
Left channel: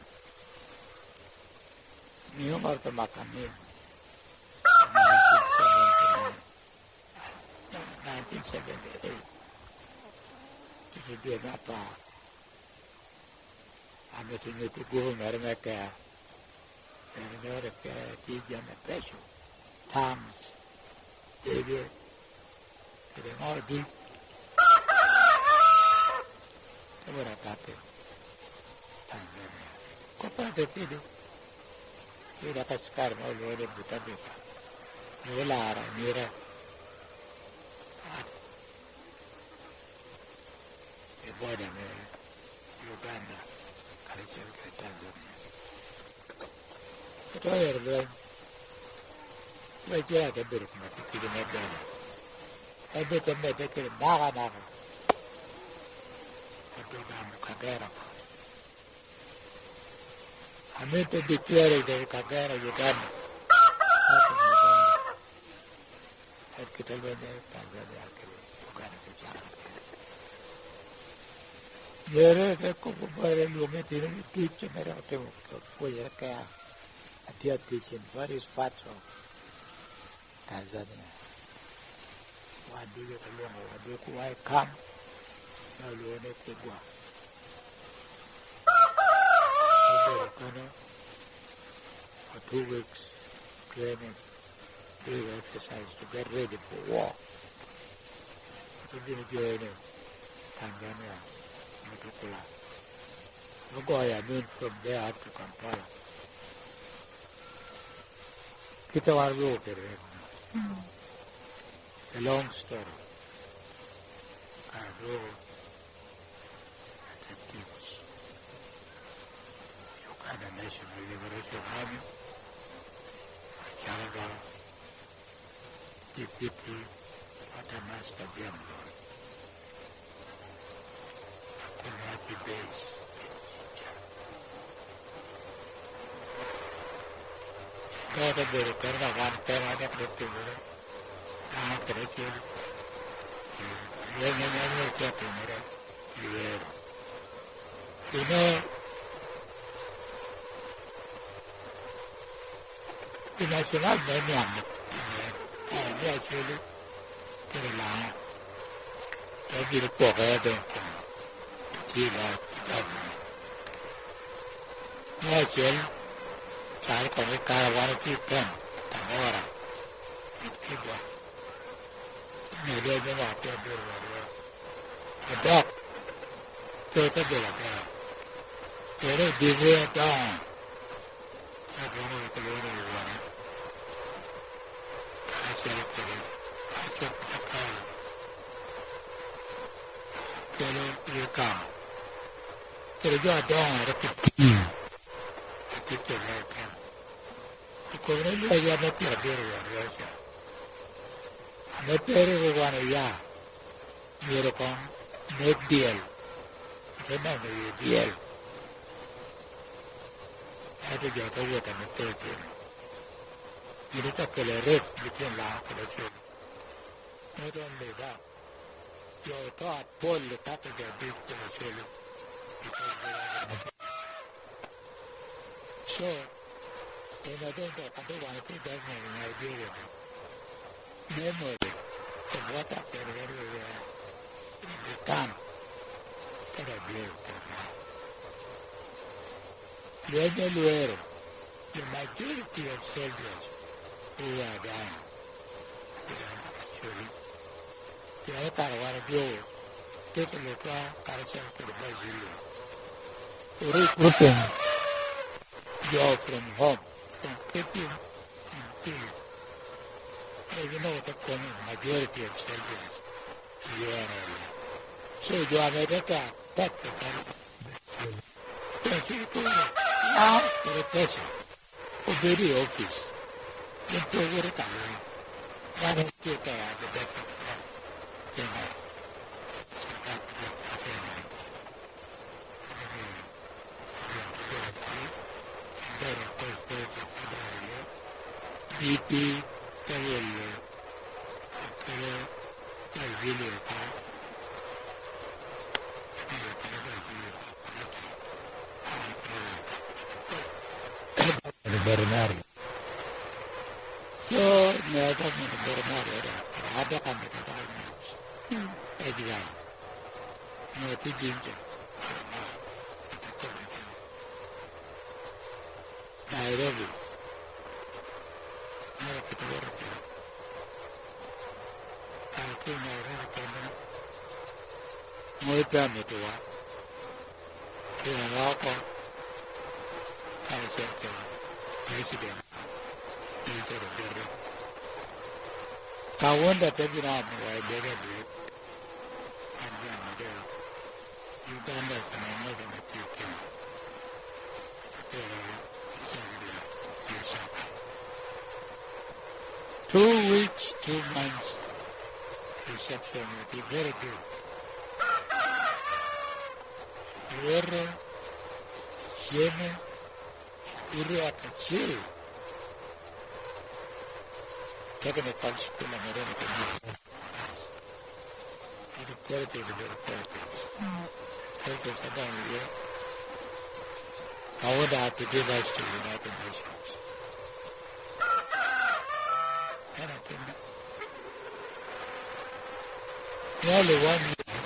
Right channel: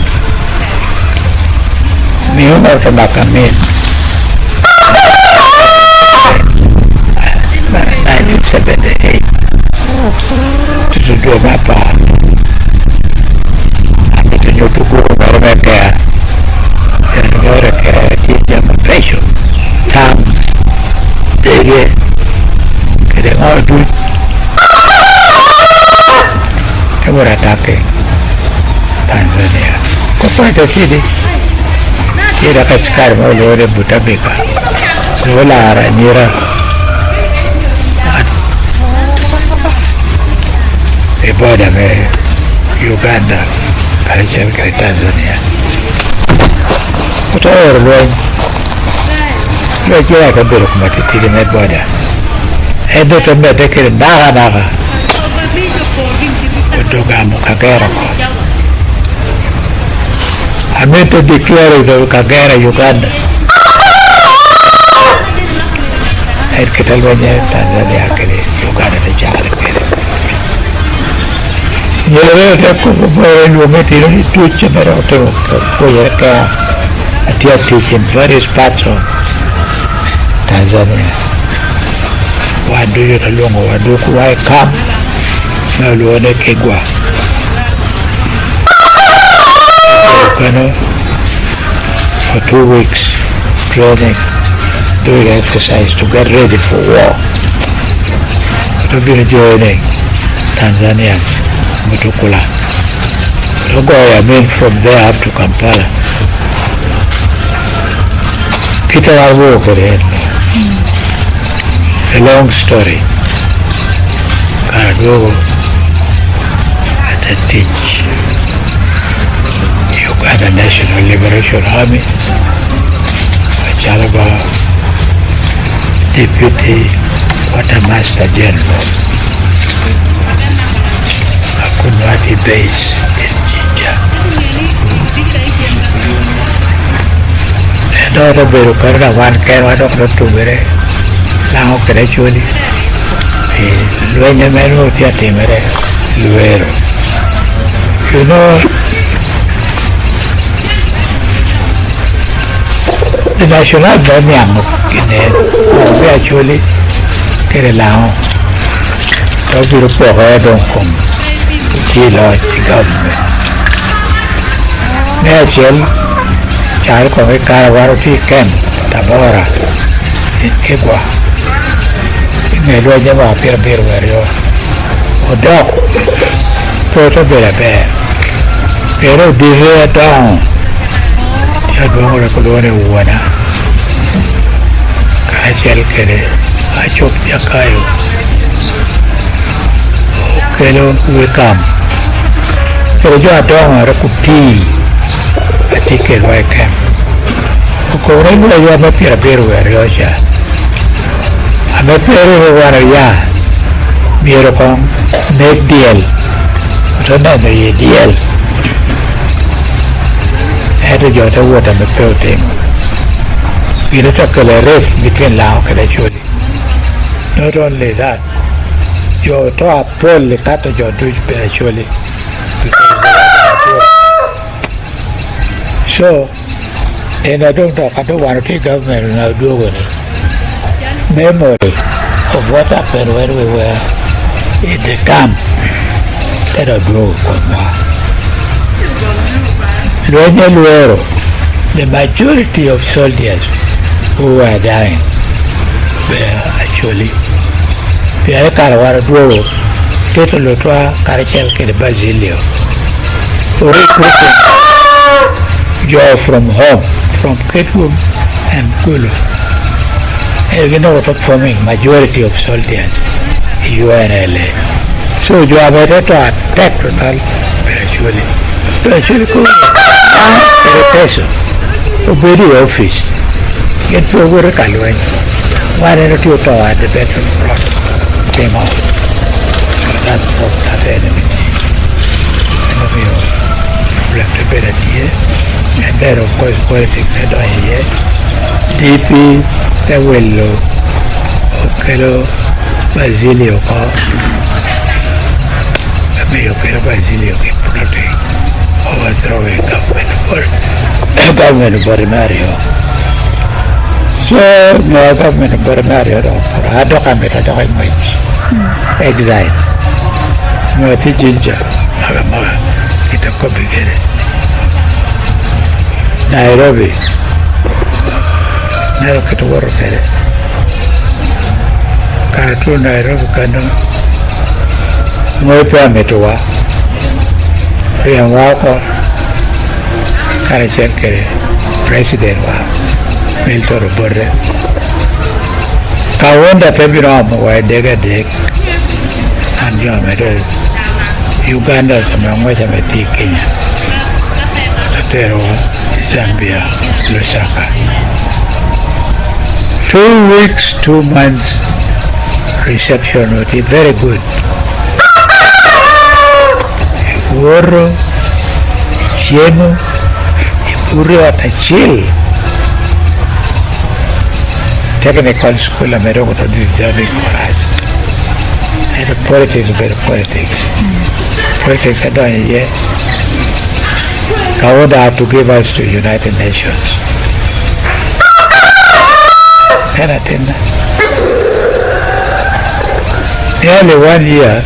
mi umur kebakamin 1978 tujuh berapa aku tunjuk tuku mereka dan mereka tidak mempeso tam dege kedengar duit kamu ratake Tanzania. Kau pada sini, kira sekarang mau lewat buta beka, lewat arah nyira. Ibadah me Uganda, kerja ke Tanzania. Kau orang lu kira kan beruk mati tidak me ibadah. Itu tu me dekir naga. Untuk kamu kagera kau. I meant to declare the Kagera, Uganda. And Catalunya, Tanzania, Uganda, the Jala. You know, material to Chimaroto for your car at your teaching various parts of Tanzania. Why do you along or do I come? No, Luana Kegua. For 2 weeks training, doing exercise to get ready for war. To be joining Tanzania, Mutukula. So go, I mean from there up to Kampala. Kita walk again. It's a long story. Karadogo at a teach. Uganda National Liberation Army, Jalaba Deputy Quartermaster General, Akunwati Base in Jinja. And all the Berukarna one can one of the two very now gradually. Luenameno Tiatimere, Luero. You know, the National Banyam we actually get along. So we report don't come to deal with the government. Natural child of a Karawarati camp, Tabora, in Kibwa. In a Rojava, Pierre Bear, or dog, Porto Bear, Pero Divea down. Yadwang Colone Wana Kachel Kere, I chop Yakayo. Kelo Wicam. So you are down a cutie. I take it like him. Corona, you are not here, Beruja. I'm a Peru, Miracom, make deal. So not the deal. Had a jot of water the building. We let up a rift between Lao and actually. Not only that, your top pull the cut of your Dutch actually. So, and I don't want to take government and I'll do with it. Memory of what happened when we were in the camp that I drove from Luero, the majority of soldiers who were dying were actually Pierre Carawara Duro, Tito Carachel de Basilio, recruiting Joe from home, from Kitwood and Kulu. And you know what forming majority of soldiers, UNLA. So you are better to attack total actually cool. Very office. Get to work alone. Why don't you talk at the better front? Came out. So that's what that enemy. Left a better year. And then, of course, politics had on here. DP, the willow, Okelo, Basilio, Basilio, protect. Overthrowing government for Mario. So, no government for Mario, I don't have it, I don't have much. Exile. No, it's ginger. It's a complicated. Nairobi. Nairobi to work at it. Cartoon Nairobi, Kano. No permit to work. Yang wako Carachel president wa Milton Borre Kawanda February wa dega dek anjo medal Uganda samangwa meti Kenya Tatero Zambia Lusaka 2 weeks 2 months reception would be very good. Oro, Chiemo, Ipuri at a chill. Technical school, I'm going to do journey for us. And the politics, better politics. Politics, I don't yet. I would have to give us to United Nations. And I think nearly 1 year.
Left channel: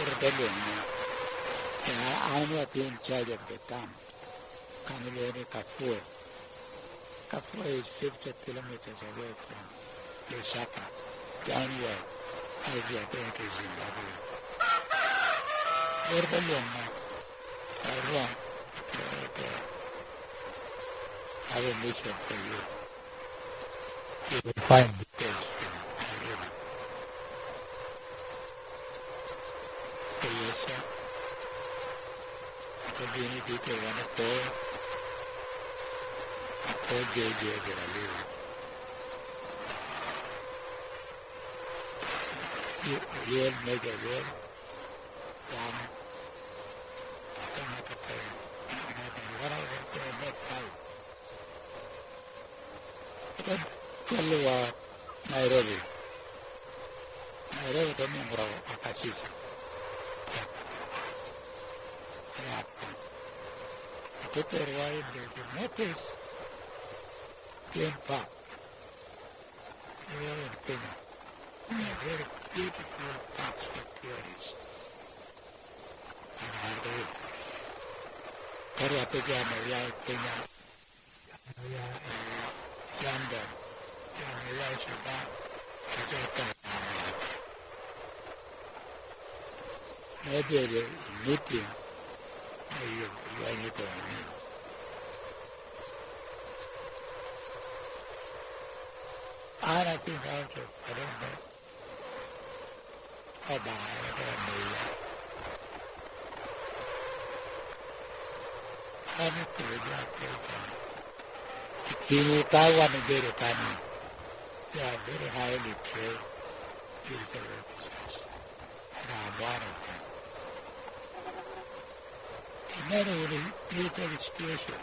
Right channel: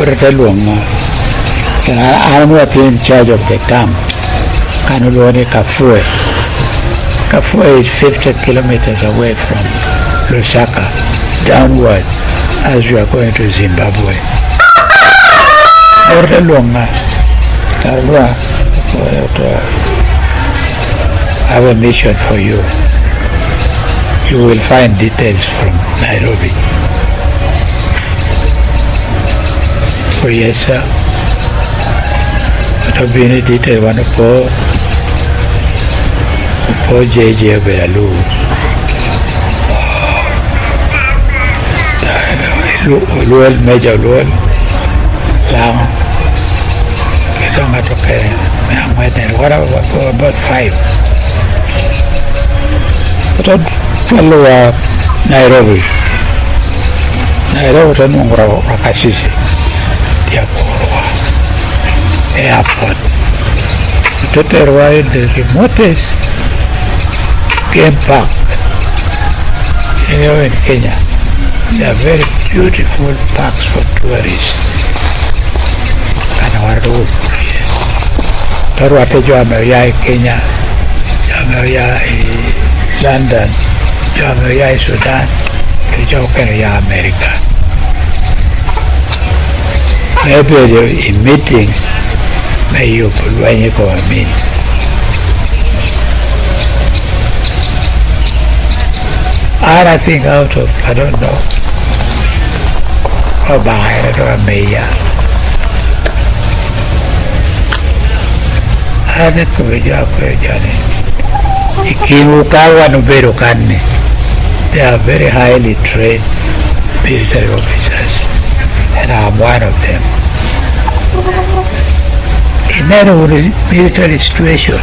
I'm not in charge of the camp. Kanulone Kafue. Kafue is 50 kilometers away from Lusaka, downward as we are going to Zimbabwe. I have a mission for you. You will find details from Nairobi. Oh yes, sir. to be in detail one for JJ Belalu. Luel major luel lang. Ito nga to kaya what about 5? But follow Nairobi tanong rakasisi dia porwa airport to terwa in the remotest game park in Kenya. They are very beautiful parks for tourists. And our road. Tarwate Jamaya Kenya, Jamaya London, Jamaya Sudan, Jamaya America. Maybe in meeting, may you put when you go and meet. And I think out of, I don't know, or behind it or a mayor. I think we have a journey. Ikimukawa no beru kanne. They are very highly trained military officers, and I'm one of them. In any military situation,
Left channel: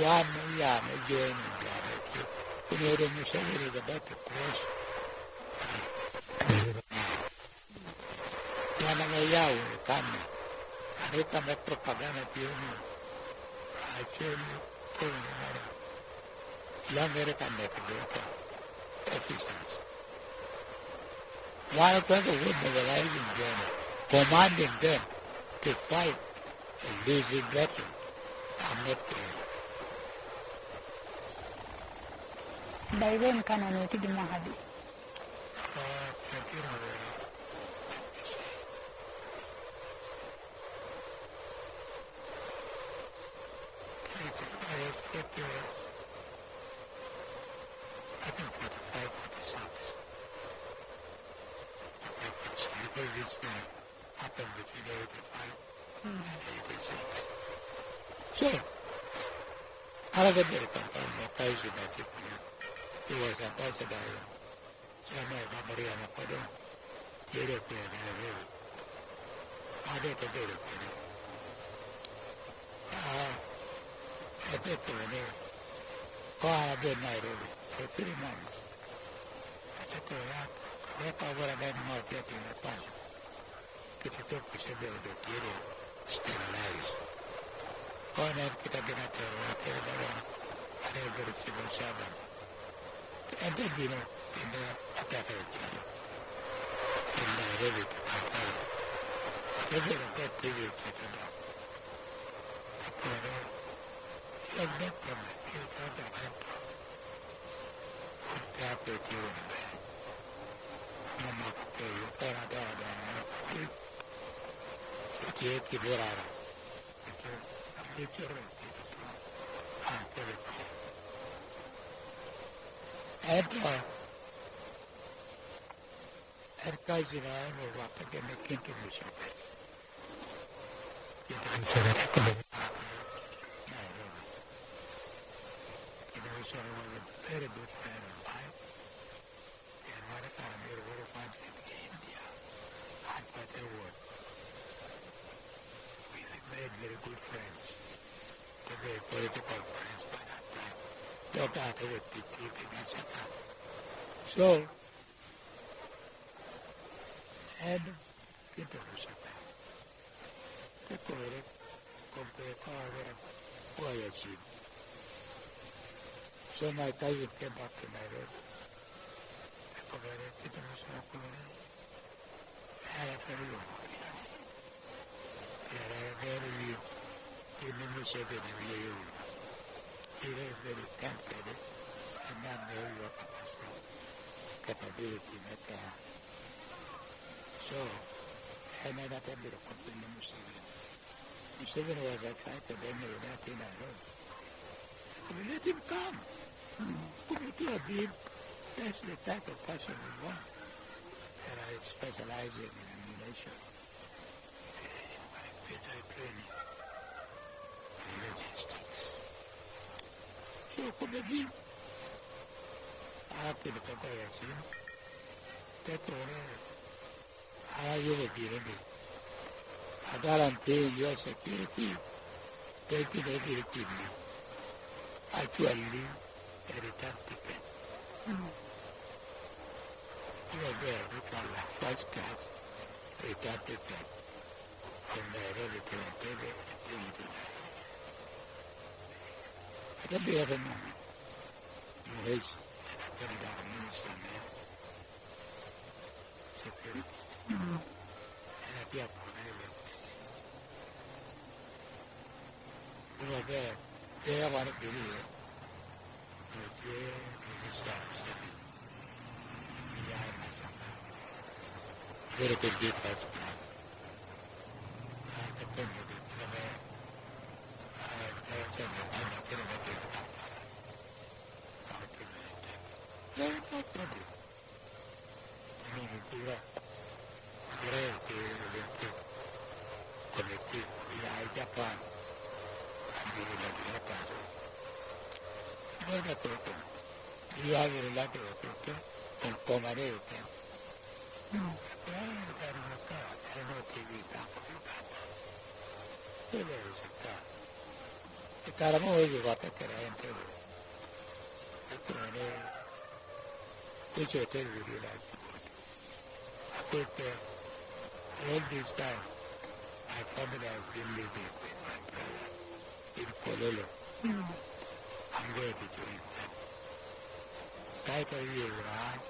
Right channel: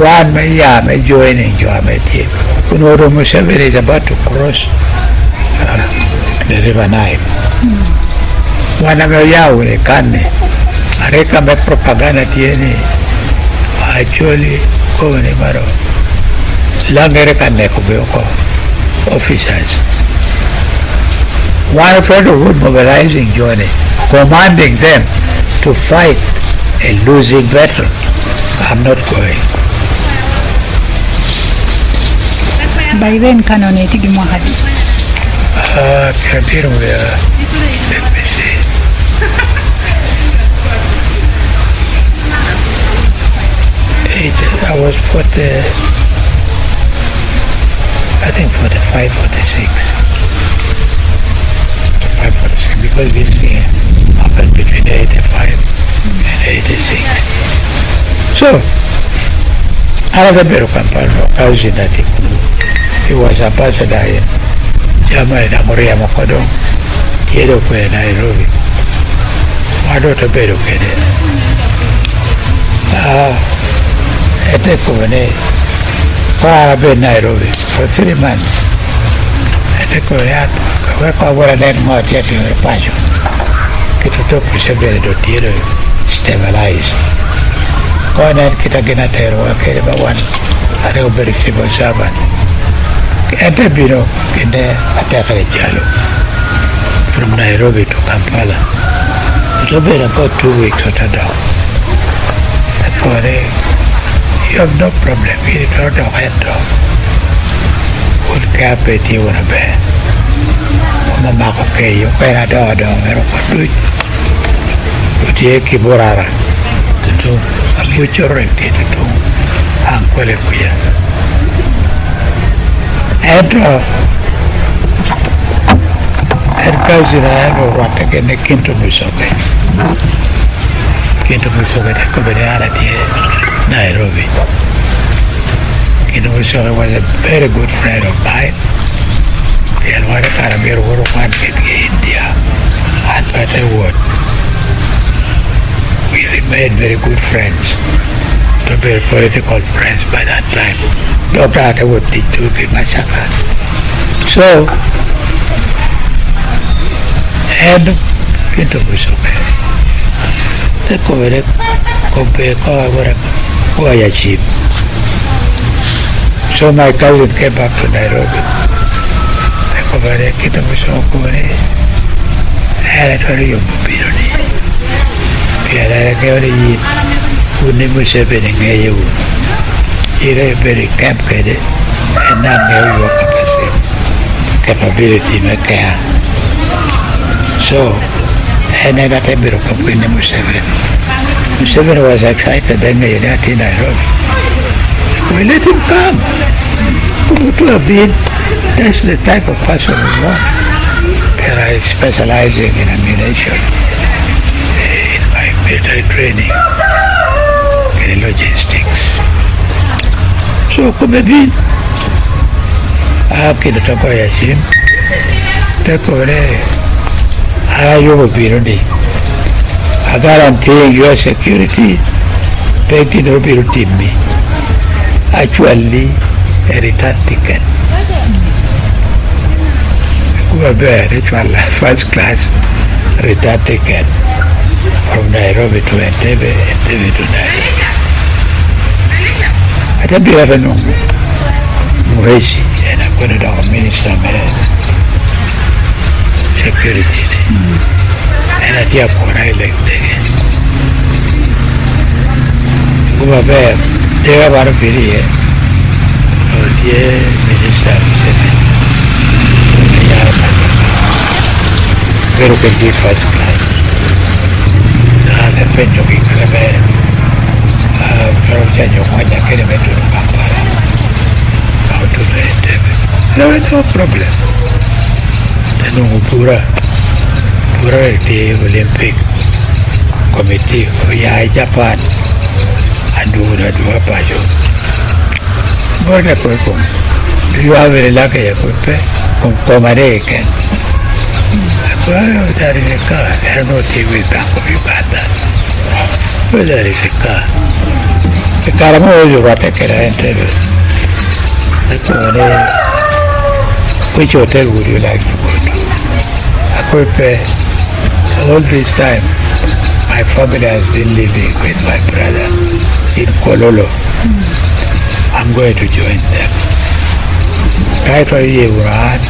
one may join in your team. Kunoro Museveni is about to cross the River Nile. Wanagayawe kane. Areka me propaganda tiene. Actually, kone maro. Langere kane kubeoko officers. One friend would mobilizing journey, commanding them to fight a losing battle. I'm not going. By then, canon etigi mwahadi. Let me see. I was 40, I think 45, 46. 45, 46, because this thing happened between 85 and 86. So, another bit of campaign, I was in that. He was ambassador in Germany, Namoria Mokodo, Kiedo Kwe Nairobi. Wadoto Bedo Kede. I take over Para Be Nairobi for 3 months. I take over that. Work over a net more yet in the Pacho. Get to talk with Sebele do Tiro, stabilized. Go on and get a Ginatero, okay, about one. I don't very civil servant. Enter Biro in the attack Jalo from Nairobi to Kampala. It will be about 2 weeks or so. You have no problem. You don't know how would cap it you want to bear. Mamma okay, you can't do it. But you keep Borara to do a mutual remedy to do Uncle Kuya. And cousin I have what again the Kinto Musobe. Kinto Musobe, the Covenant Nairobi. Kinto Musobe was a very good friend of mine. And what a Carabir were one in India. And what I would. We remained very good friends. To be political friends by that time. Dr. Atwood did to be massacred. So, and Kinto Musobe. The Covenant Chief. So my cousin came back to Nairobi. The Covenant Kinto Musobe. And I told you, Bidoni. I told you, Uni Museveni in you. You're very complicated and not know your capability in care. So, and I got a bit of company Museveni. Museveni was excited then they left in Nairobi. We let him come. To have been, that's the type of person we want. And I specializing in ammunition in my military training and logistics. So come bin kilo tako ya sim tako re ayo biro di guarantee your security take no biro timmi actually a return ticket first class return ticket from Nairobi to Entebbe, Entebbe to Nairobi. I don't have no Muheshi, and I'm going to do a minister of security. And I tell you, I like that. Go back, they have a period. Oh, dear minister, pero che di first class le penso che sarebbe però c'è io quando che ne metto in campara no problem non pura il Olympic Committee ya Japan adura dua pajo guarda poi con io avere la che con American. Well, that is a car. I don't know if you will back of Uganda. Well, that is a car. The car I'm always what I can enter. Which hotel would you like to go to? I could pay all this time. My family has been living with my brother in Kololo. I'm going to join them. Right for you, right?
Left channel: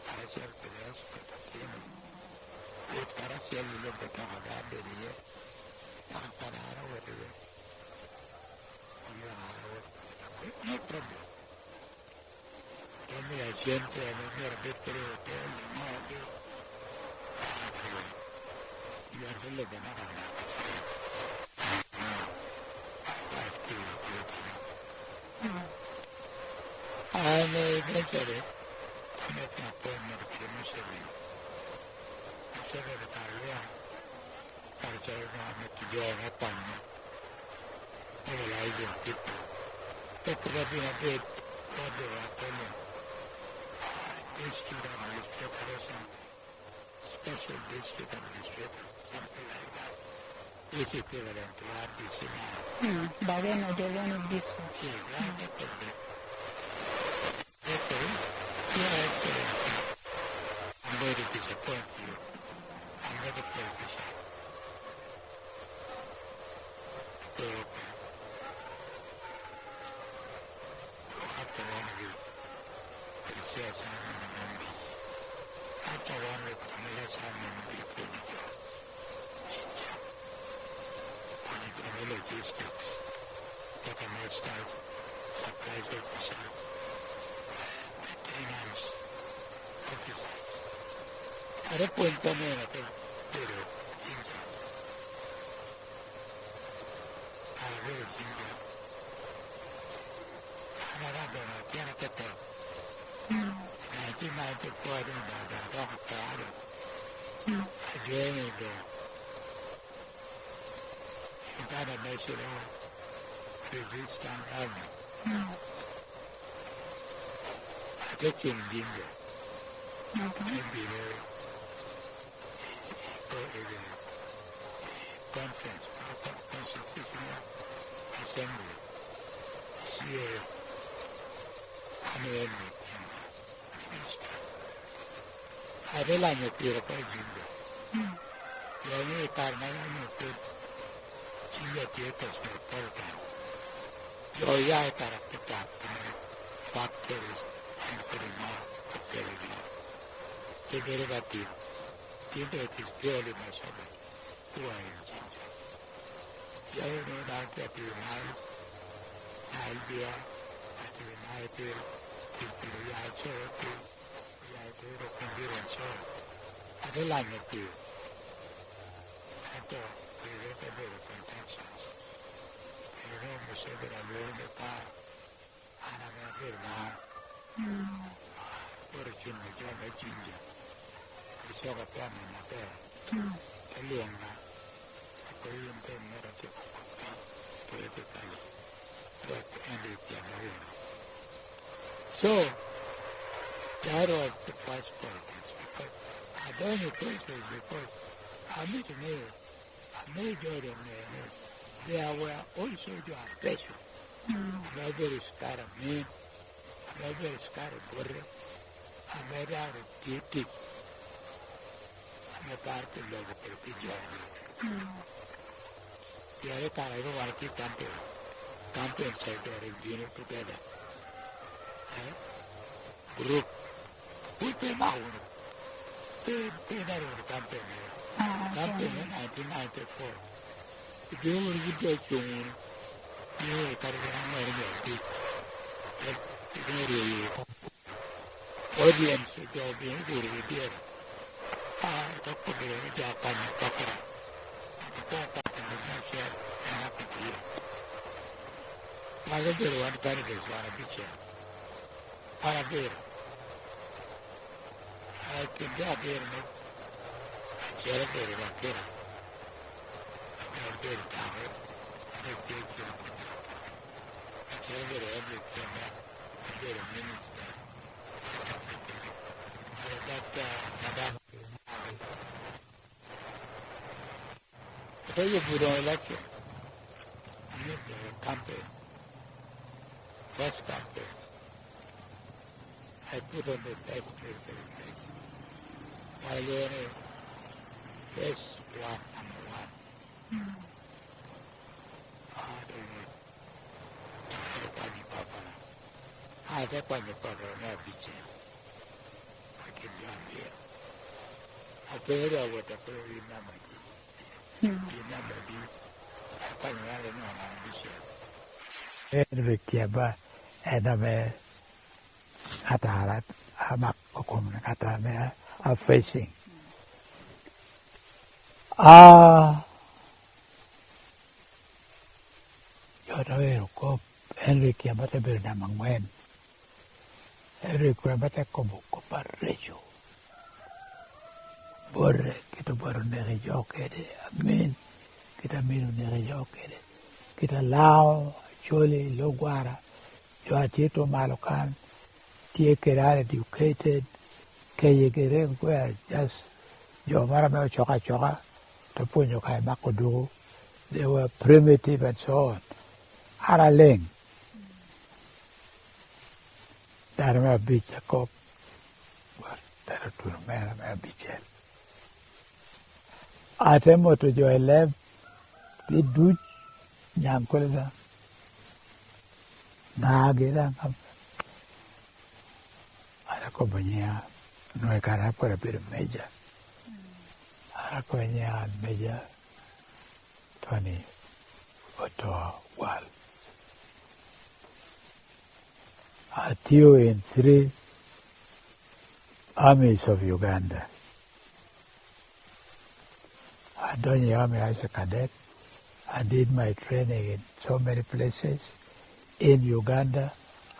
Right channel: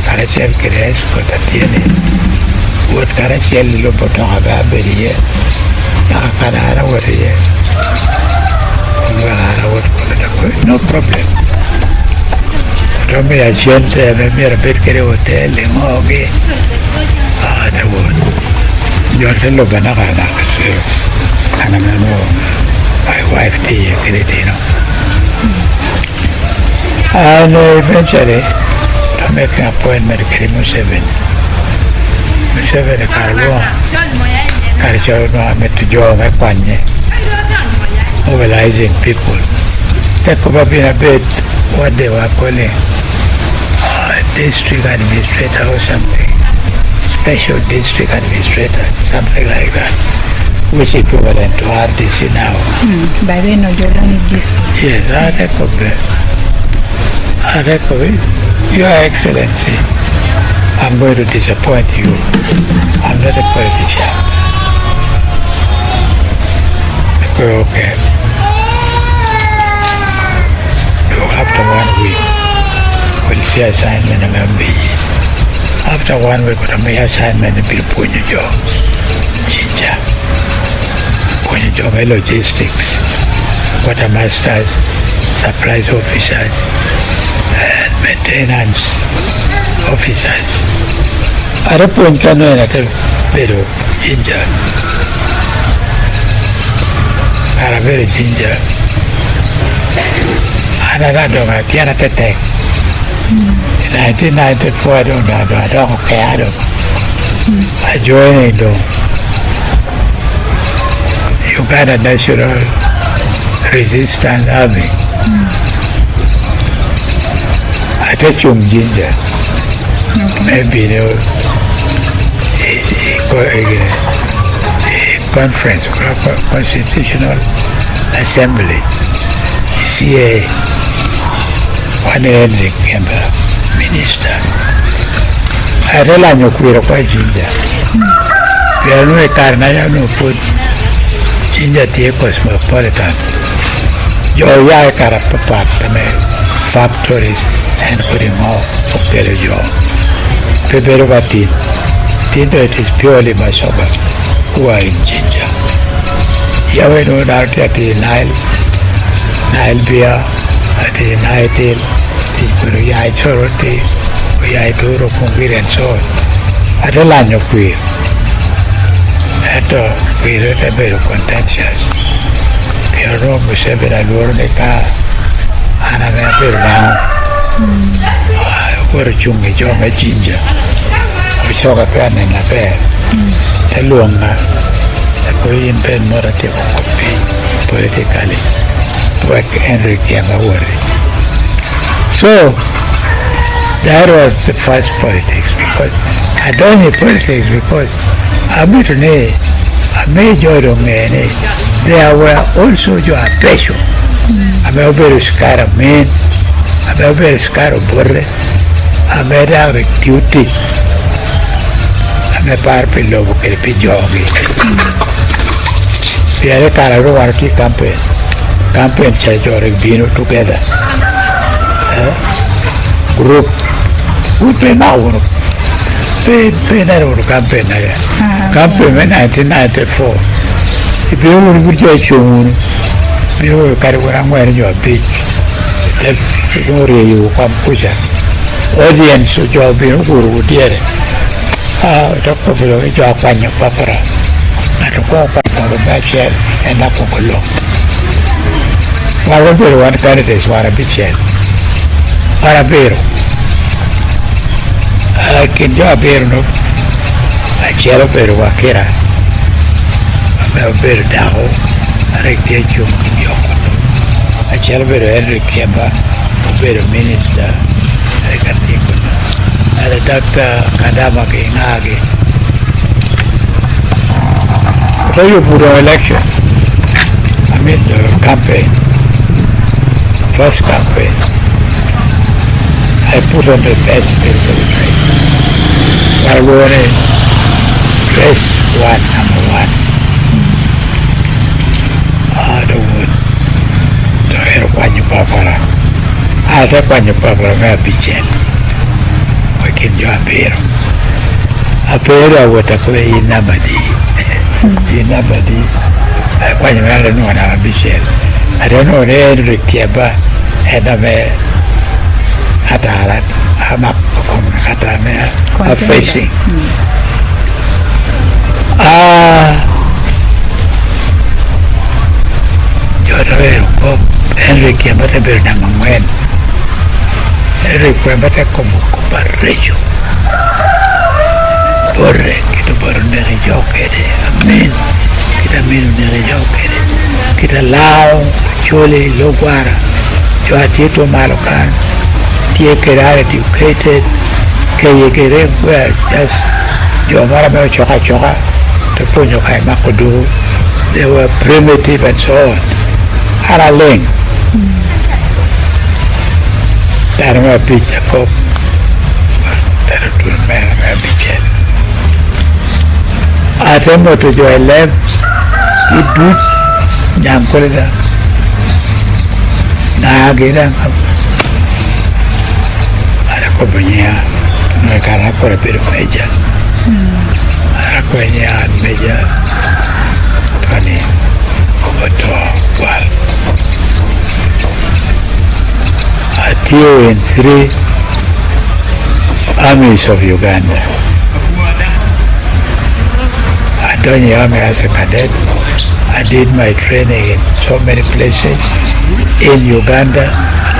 Caracel crees kota tiene buat caracel lo potong agak beria nak kadara waria kadara wat no problem kami agente me repet kere hotel ngoge ada won jordan lo bana kada kana no my wife ti credino and eventually I make an appointment with Museveni. Museveni Carlo, Carlo, I met to Joe Mapanye, mobilizing people. That could have been a bit what they were calling district administrator or something, special district administrator, something like that, which is equivalent to RDC now. By then, no, Jordan is this. Yes, I recommend. Your Excellency, I'm going to disappoint you. I'm not a politician. Okay. So after 1 week, we'll see assignment in MB. After 1 week, we'll make assignment in Punjo. Jinja. Punjo logistics. Quartermasters, supplies officers, maintenance officers. Ada pun kan ada beru ginger. Ada beru ginger. Ada dong tiada tetek. 1994 dong kaya dong. I joined dong. Uganda National Resistance Army. I touch you ginger. Maybe a conference, constitutional assembly, CA, one Henry Kemba, minister. I realize you queer quite ginger. We are no carnaya no put ginger tea cosmopolitan. Your yakara factories. And putting more of the job. Prepare about tea. It is purely my suburb who are in ginger. Yahweh no doubt at the Nile beer, at the Nile tail, the Puruyai Soroti, Uyai Turo Kumbir and so on. At the land of queer. At all, we wrote a bit of contentious. We are wrong with 7 and we're in the car. And I'm a bit now. Ora chungi chonga chinja. Visoka pia na pe. Telunga. Koyin pen morate kopi politically. Work Henry Kiamawari. So that was the first politics, because I don't need politics because Abitune, a major domain, there were also your pressure. I'm a very scared of men, I'm a very scared of Borre, I'm a very duty, I'm a parpil of Kelpijogi. We are a Karawarki campaign church or Bino together. Group now pay that campaign campaign in 1994. If you will judge you will carry what I'm wearing your beach. You come push audience to job in Guru dear. Talk about a job on your papa. And to go back on the backyard and up on the law. One candidate want to be chair. Parabero. Can you bear no? I shall bear Wakera. I'm a bear Daho. I get you. I shall bear Henry Kemba, bear minister. I can think of and a Dr. Kadama Kinagi. So you put on election. I mean the campaign. First campaign. I put on the best military trade. I wore a dress one, number one. The wood. The hair one you papara. I have one you papara, may be jet. We can do a beer. A beer with a play in Nabadi. In Nabadi. I want you to know how to be said. I don't know the Henry Kiaba and a Atarat, I'm up from Katame, facing. You're Henry Kiabata Bernamangwen. Henry Kiabata Comucuparajo. Borre, Kita Borneri Jokere, Amen. Kita Milneri Jokere. Kita Lao, Chole, Loguara, Joatito Malocan. Get educated, get well, just your mother choka the Punyo Makudu, they were primitive and so on. Haraling. That I'm a bit of hope. That it will make a bit. I remember to do a left, it do, Namkolida. Nagina. Compañía no es cara por el media. La compañía media Tony OTOA igual. I deal in 3 armies of Uganda. I joined the army as a cadet. I did my training in so many places in Uganda,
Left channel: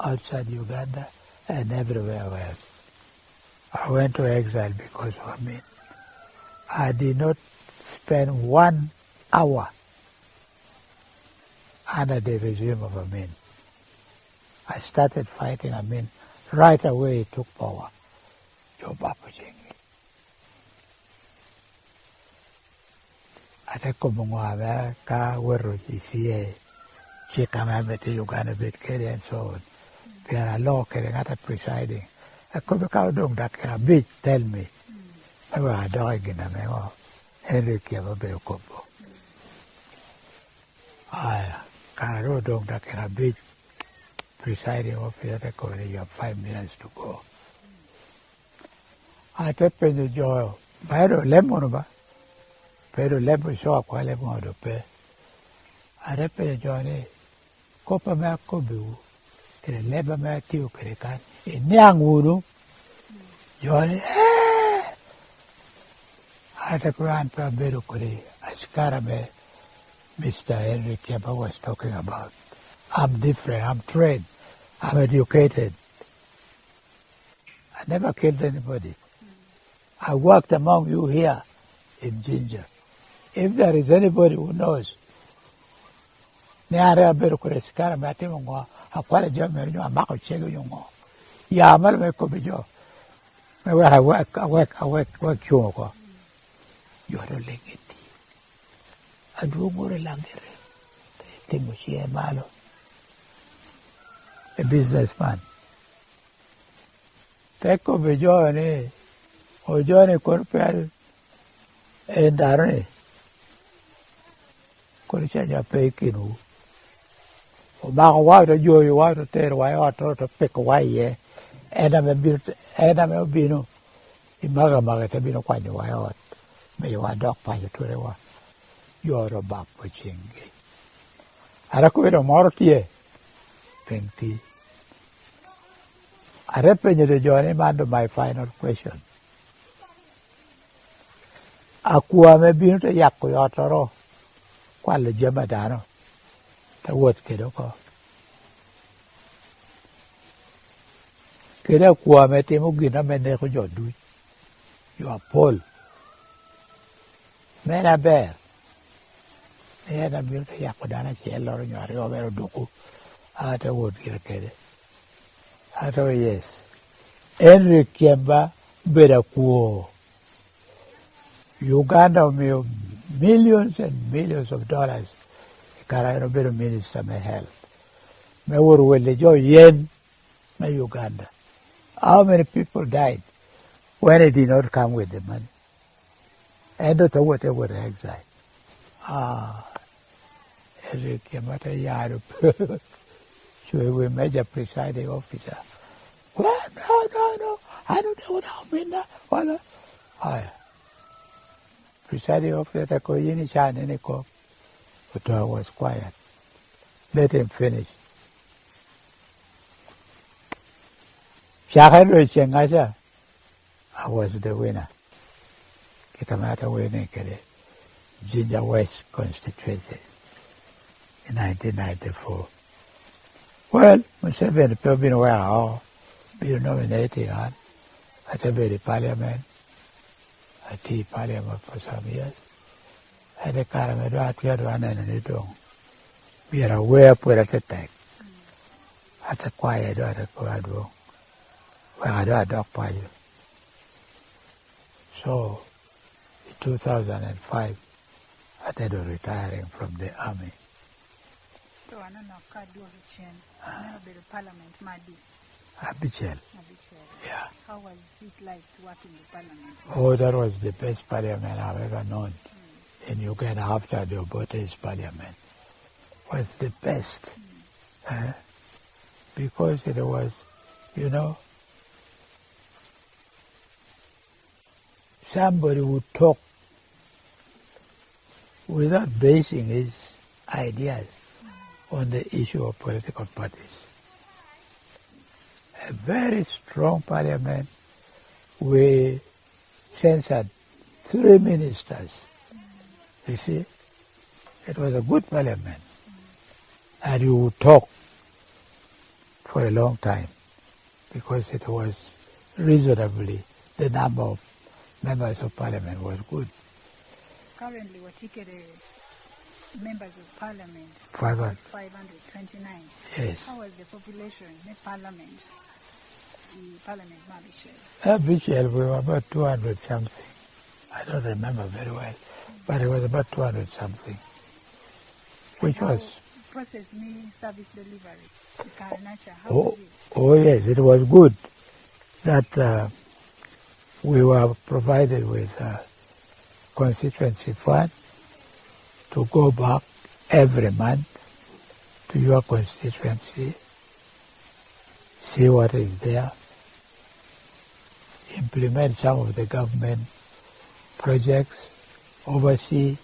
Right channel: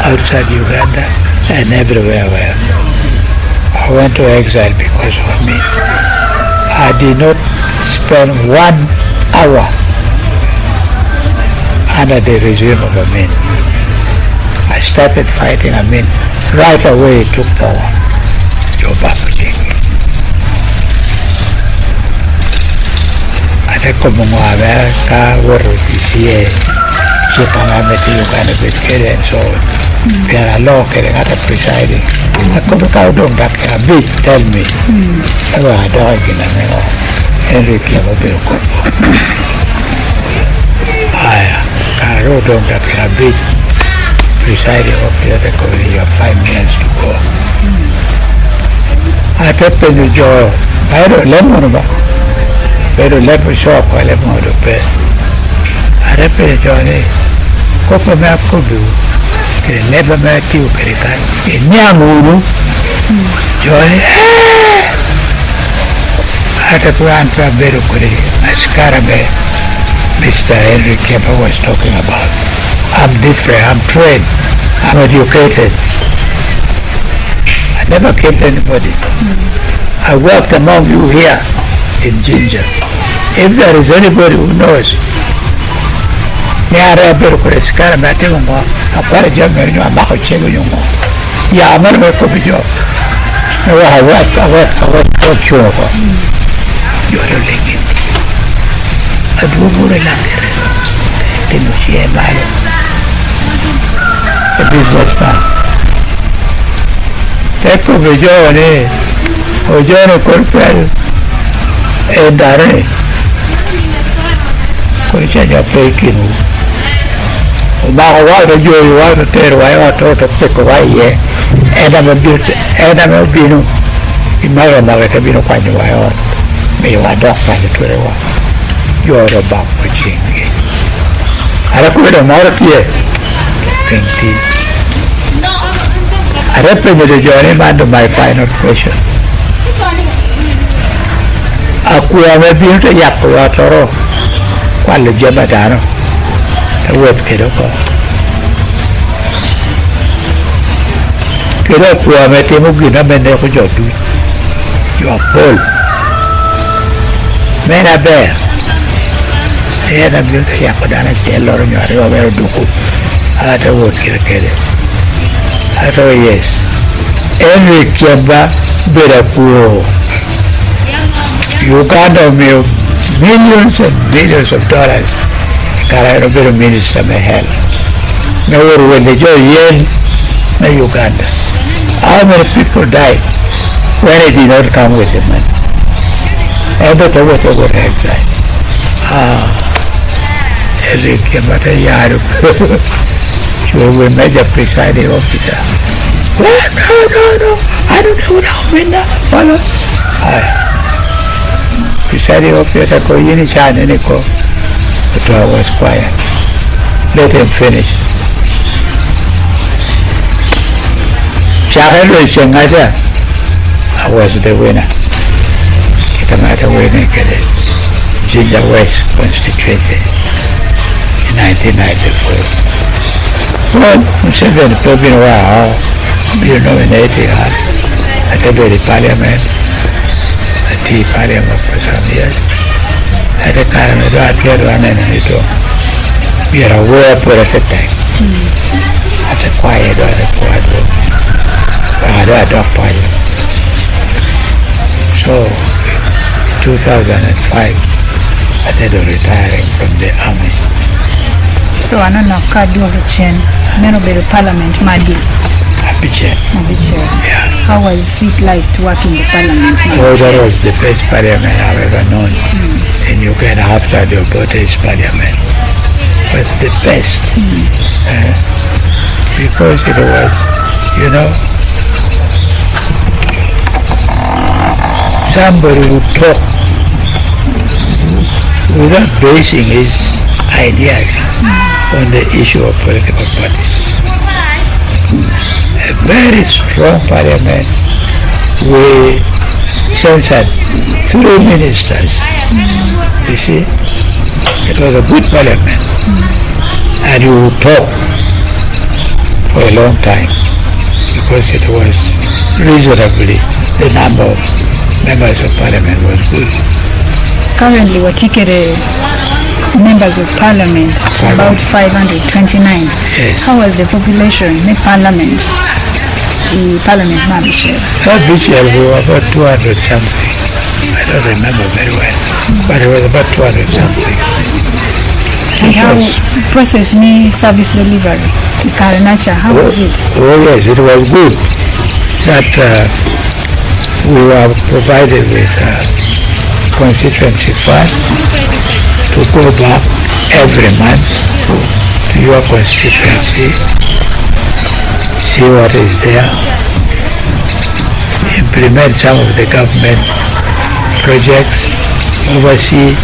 outside Uganda, and everywhere. I went to exile because of me. I did not spend 1 hour under the regime of Amin. I started fighting Amin. Right away he took power. Joe Bapuji. I think como America, where we Chipanameti, Uganda, Bitcoin, and so on. There are law getting out of presiding. I come to Kaudong that can be tell me. I don't in a Henry Kiamawari. I wrote down that can be presiding of the other committee. You have 5 minutes to go. I kept in the jaw. I don't let me pero let me show up while I'm on the bed. I repeated Johnny. Copa me up could do. Never met you, Kerikai. In Yamuru, Johnny, I had a plan for a better Kuri, as Karabe, Mr. Henry Kemper was talking about. I'm different, I'm trained, I'm educated. I never killed anybody. I worked among you here in Ginger. If there is anybody who knows, Niara Berkures, Karamatungo, a Parajaman, a Makochego, Yaman Kopijo. I what you are. You're a legend. A Dubur Tinushi Malo, a businessman. Take over Johnny, or John Corpel, and Dare. Coicia Pekin. About what you want to tell I ought to take away, and I'm a bit, and I'm a bino. In my own mother, I've been quite a while. May you adopt by the 21. You're about watching. I recommend a more here. 20. I recommend the journey man to my final question. Akuame beauty Yakuatoro, quale Jamadano, the word Kiroko. Kirakuame Timugina Menejodu. You are full. Men are there. Here the beauty Yakudana Taylor and you are over Duku. I had a word Kirkade. I thought, yes. Every Kiamba Birapu. Uganda made millions and billions of dollars. Carabero minister may help. Now when they join Yen, Uganda. How many people died when it did not come with the money? Everything was over exile. Every Kiamba Yaru. She will make a presiding officer. Well, no. I don't know how many. Follow. Presiding officer go in China and go. But I was quiet. Let him finish. I was the winner. It matter winning Ginger West constituency in 1994. Well, Museveni probably wow, you nominated at the parliament, at the parliament for some years. At the time of that, we had one enemy to be aware for a time. At the quiet or the quiet room. I had a pilot. So, in 2005, I did retiring from the army. So I don't know how to parliament Madi. Abiche. Yeah. How was it like to work in the parliament? Oh, that was the best parliament I've ever known. In Uganda after the British parliament. It was the best. Because it was, somebody would talk without basing his ideas on the issue of political parties. A very strong parliament. We censored 3 ministers. You see, it was a good parliament. And you would talk for a long time because it was reasonably, the number of members of parliament was good. Currently, Watikere members of parliament, about 529. Yes. How was the population in parliament? The parliament membership? This year we were about 200 something. I don't remember very well, but it was about 200 something. And how process me service delivery? The Karanacha, how was it? Oh yes, it was good. That we were provided with constituency fund to go back every month to your constituency, see what is there, implement some of the government projects, oversee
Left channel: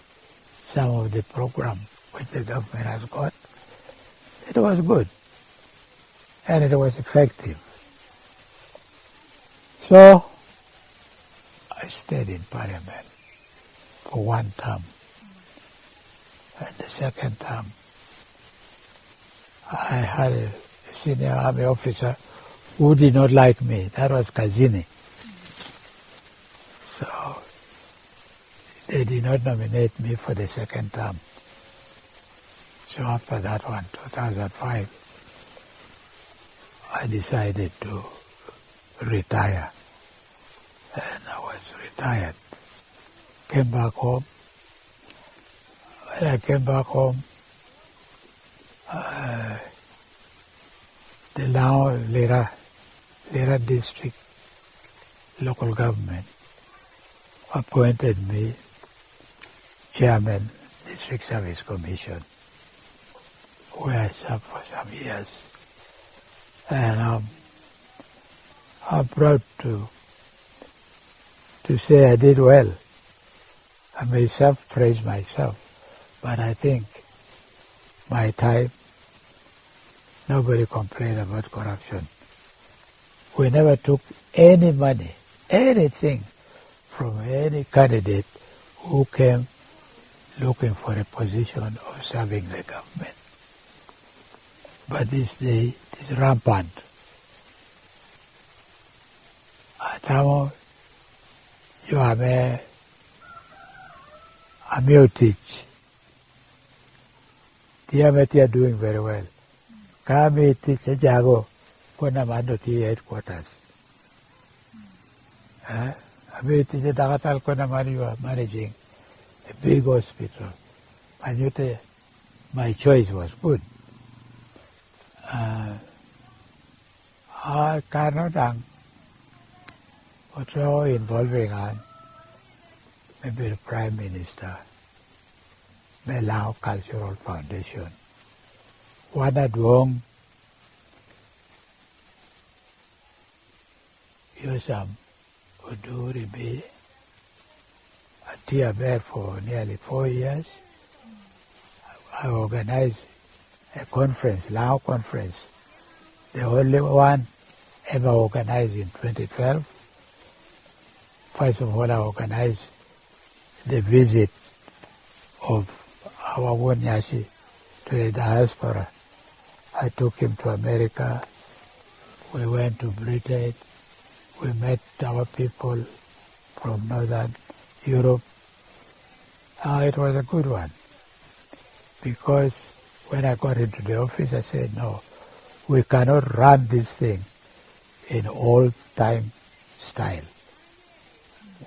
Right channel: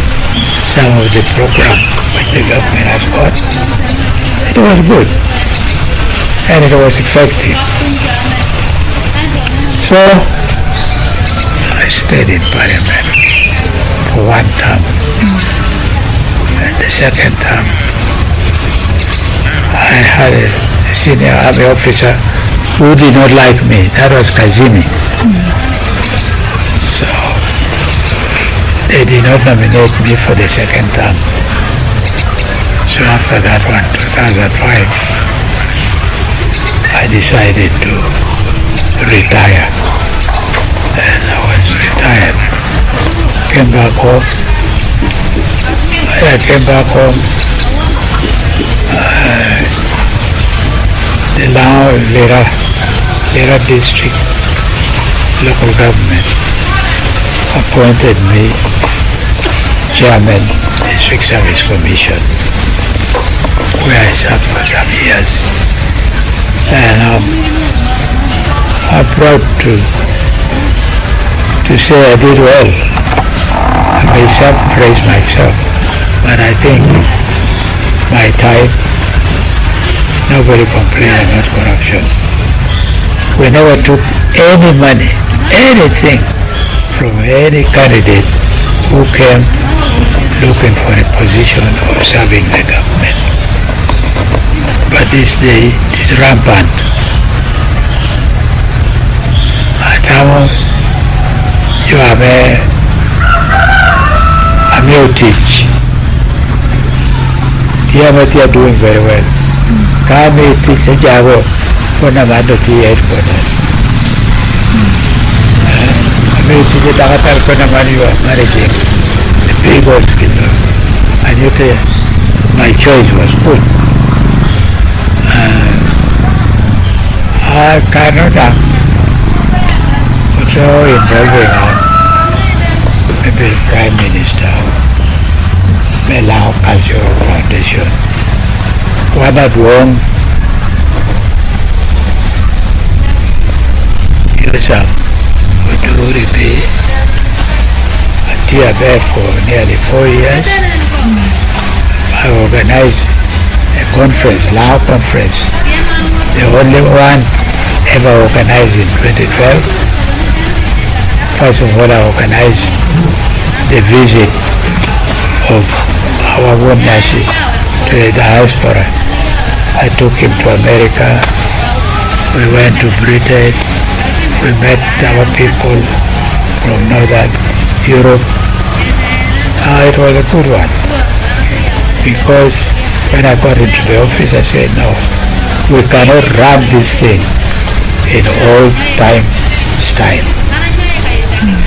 some of the programs which the government has got. It was good and it was effective. So I stayed in parliament for 1 term. And the second term, I had a senior army officer who did not like me. That was Kazimi. So they did not nominate me for the second term. So after that one, 2005, I decided to retire. And I was retired. Came back home. When I came back home, the now Lera district local government appointed me chairman District Service Commission, where I sat for some years. And I'm proud to say I did well. I may self-praise myself, but I think my time, nobody complained about corruption. We never took any money, anything from any candidate who came looking for a position or serving the government. But this day is rampant. Atamo, you have a teach. Here what you are doing very well. Kami teach a jabo for Namado headquarters. Kami teach a Dakatar for Namani managing the big hospital. And you tell my choice was good. I cannot also involving maybe the Prime Minister, Melau Cultural Foundation. One at home, use up to repay a tier there for nearly 4 years. I organized a conference, Lao conference, the only one ever organized in 2012. First of all, I organized the visit of our Wundashi to the diaspora. I took him to America. We went to Britain. We met our people from Northern Europe. It was a good one. Because when I got into the office, I said, no, we cannot run this thing in old-time style.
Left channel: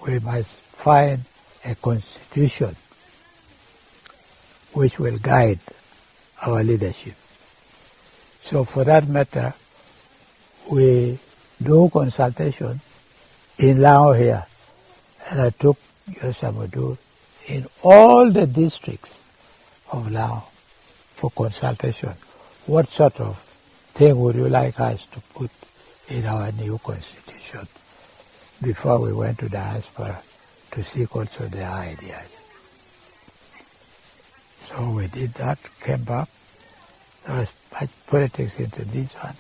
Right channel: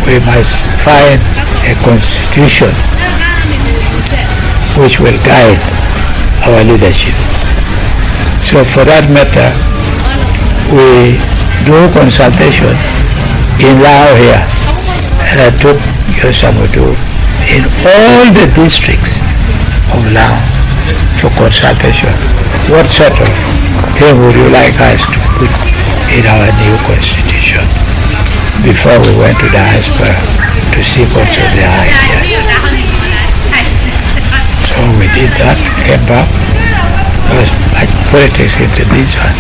We must find a constitution which will guide our leadership. So for that matter, we do consultation in Lao here, and I took Yosamudu in all the districts of Lao to consultation. What sort of thing would you like us to put in our new constitution? Before we went to diaspora to seek also their ideas. So we did that, came back. There was much politics into this one.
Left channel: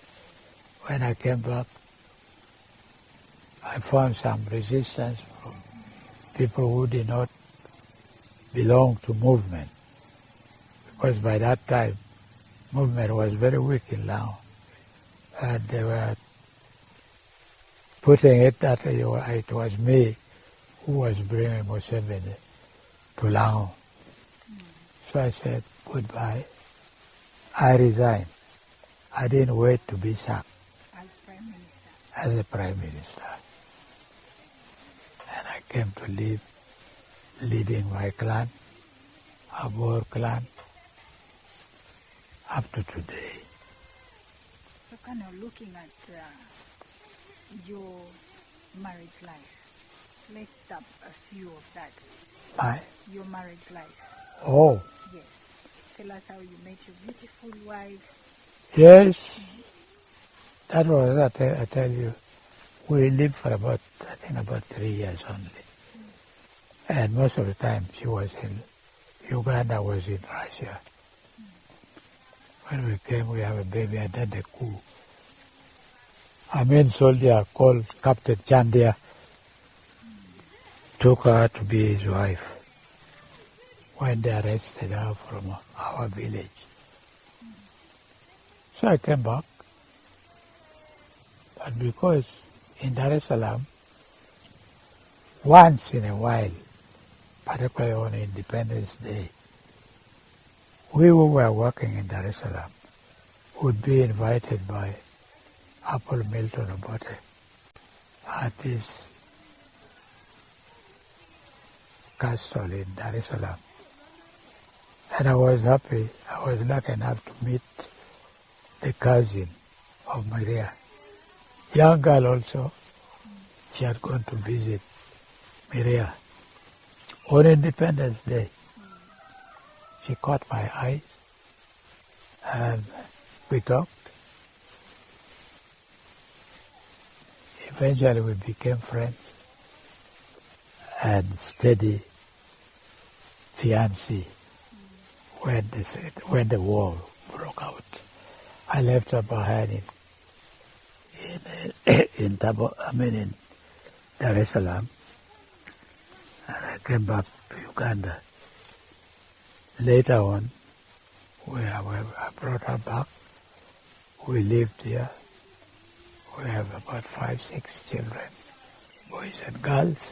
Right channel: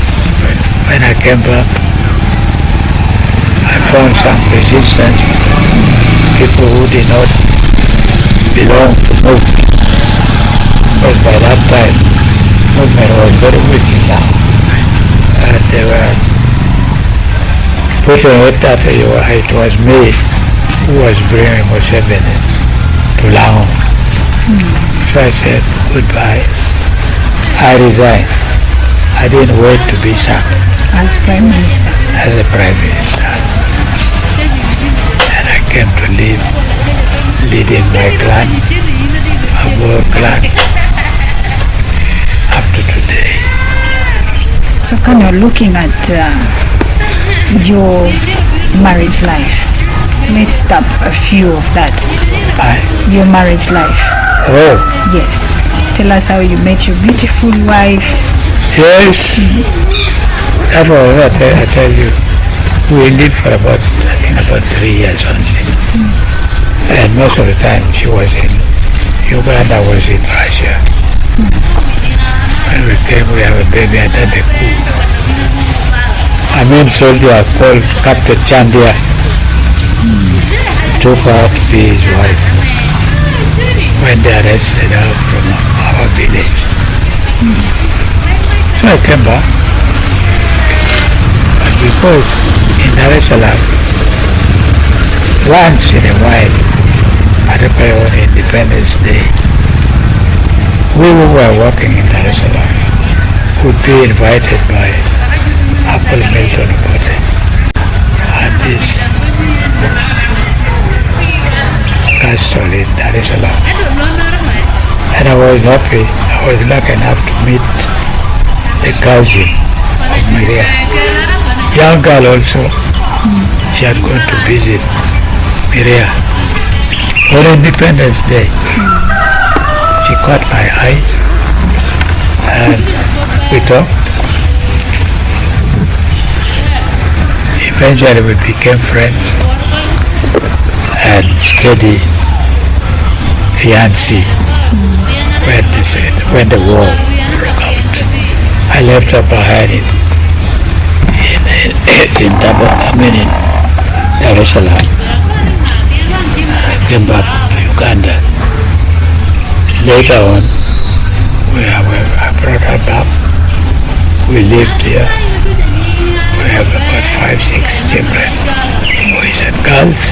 When I came back, I found some resistance, people who did not belong to movement. Because by that time, movement was very weak now. And they were pushing it that it was me who was bringing Museveni to Lao. So I said, goodbye. I resigned. I didn't wait to be sacked. As Prime Minister? As a Prime Minister. And I came to live leading my clan, our clan, up to today. So when you're looking at your marriage life, let's stop a few of that. Your marriage life. Oh. Yes. Tell us how you met your beautiful wife. Yes. That was what I tell you. We lived for about 3 years only. And most of the time she was in Uganda, was in Russia. When we came, we have a baby and then the coup. A main soldier called Captain Chandia took her to be his wife when they arrested her from our village. So I came back. But because in Dar es Salaam, once in a while, particularly on Independence Day, we who were working in Dar es Salaam would be invited by Apple Milton Obote at this castle in Dar es Salaam. And I was happy, I was lucky enough to meet the cousin of Maria. Young girl also, she had gone to visit Maria on Independence Day. She caught my eye and we talked. Eventually we became friends and steady fiancé when the war broke out. I left her behind in Dar es Salaam. I came back to Uganda. Later on, I brought her back. We lived here. We have about 5-6 children, boys and girls.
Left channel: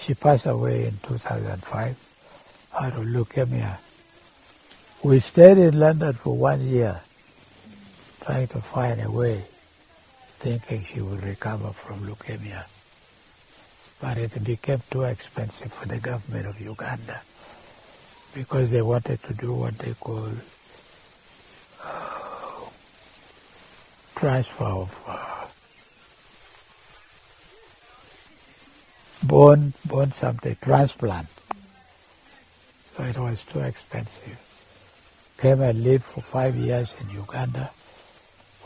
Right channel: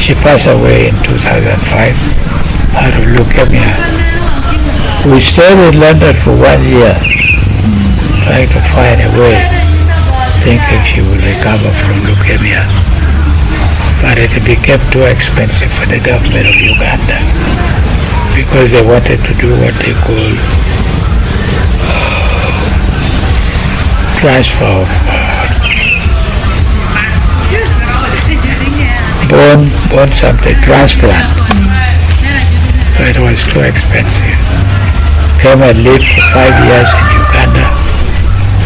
She passed away in 2005 out of leukemia. We stayed in London for 1 year, trying to find a way, thinking she would recover from leukemia. But it became too expensive for the government of Uganda because they wanted to do what they call transfer of bone something, transplant. So it was too expensive. Came and lived for 5 years in Uganda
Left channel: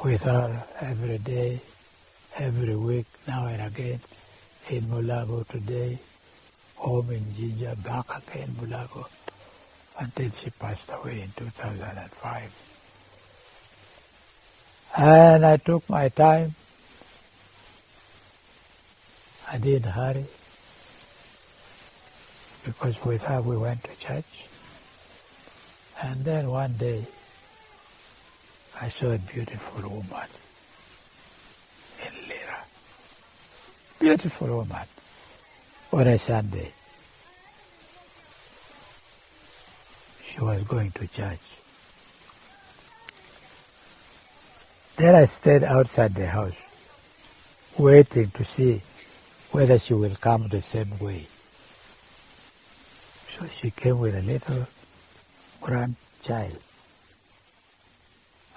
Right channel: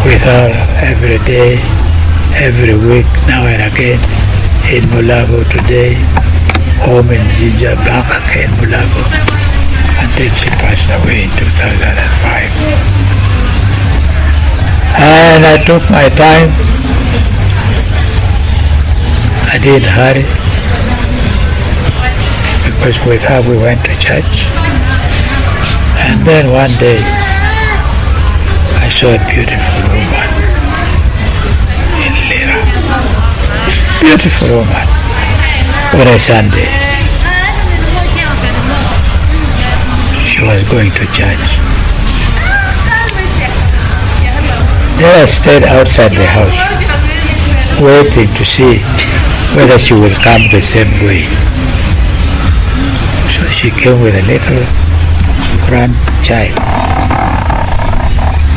with her every day, every week, now and again, in Mulago today, home in Jinja, back again in Mulago, until she passed away in 2005. And I took my time. I didn't hurry, because with her we went to church. And then one day, I saw a beautiful woman in Lira. Beautiful woman on a Sunday. She was going to church. Then I stayed outside the house, waiting to see whether she will come the same way. So she came with a little grandchild.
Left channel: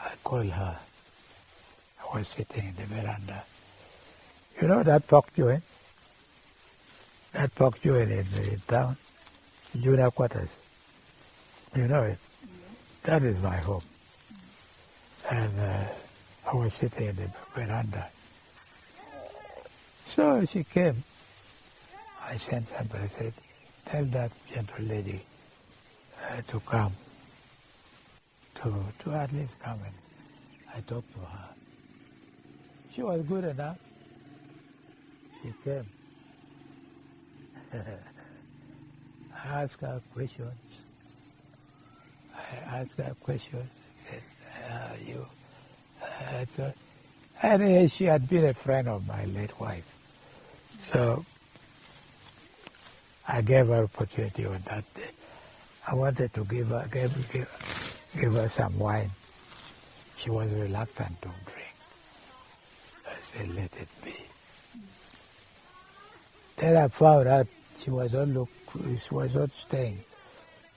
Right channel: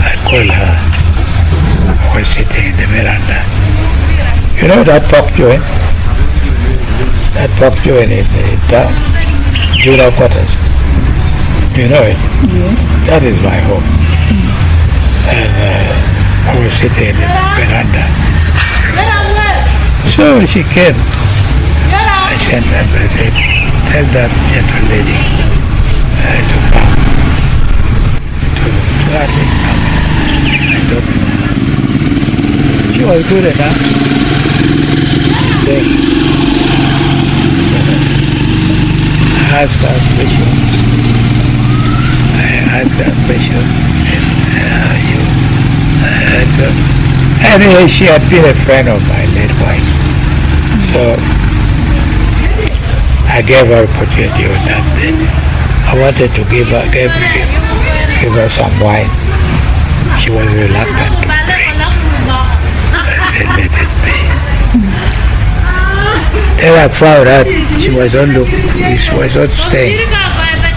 I called her. I was sitting in the veranda. You know that pork joint? That pork joint in town, Judah Quarters. You know it? Yes. That is my home. And I was sitting in the veranda. So she came. I sent her a message. Tell that gentle lady to come. To at least come and talk to her. She was good enough. Then I asked her question. Anyway, she had been a friend of my late wife. So I gave her opportunity on that day. I wanted to give her some wine. She was reluctant to drink. I said, let it be. Then I found out she was not staying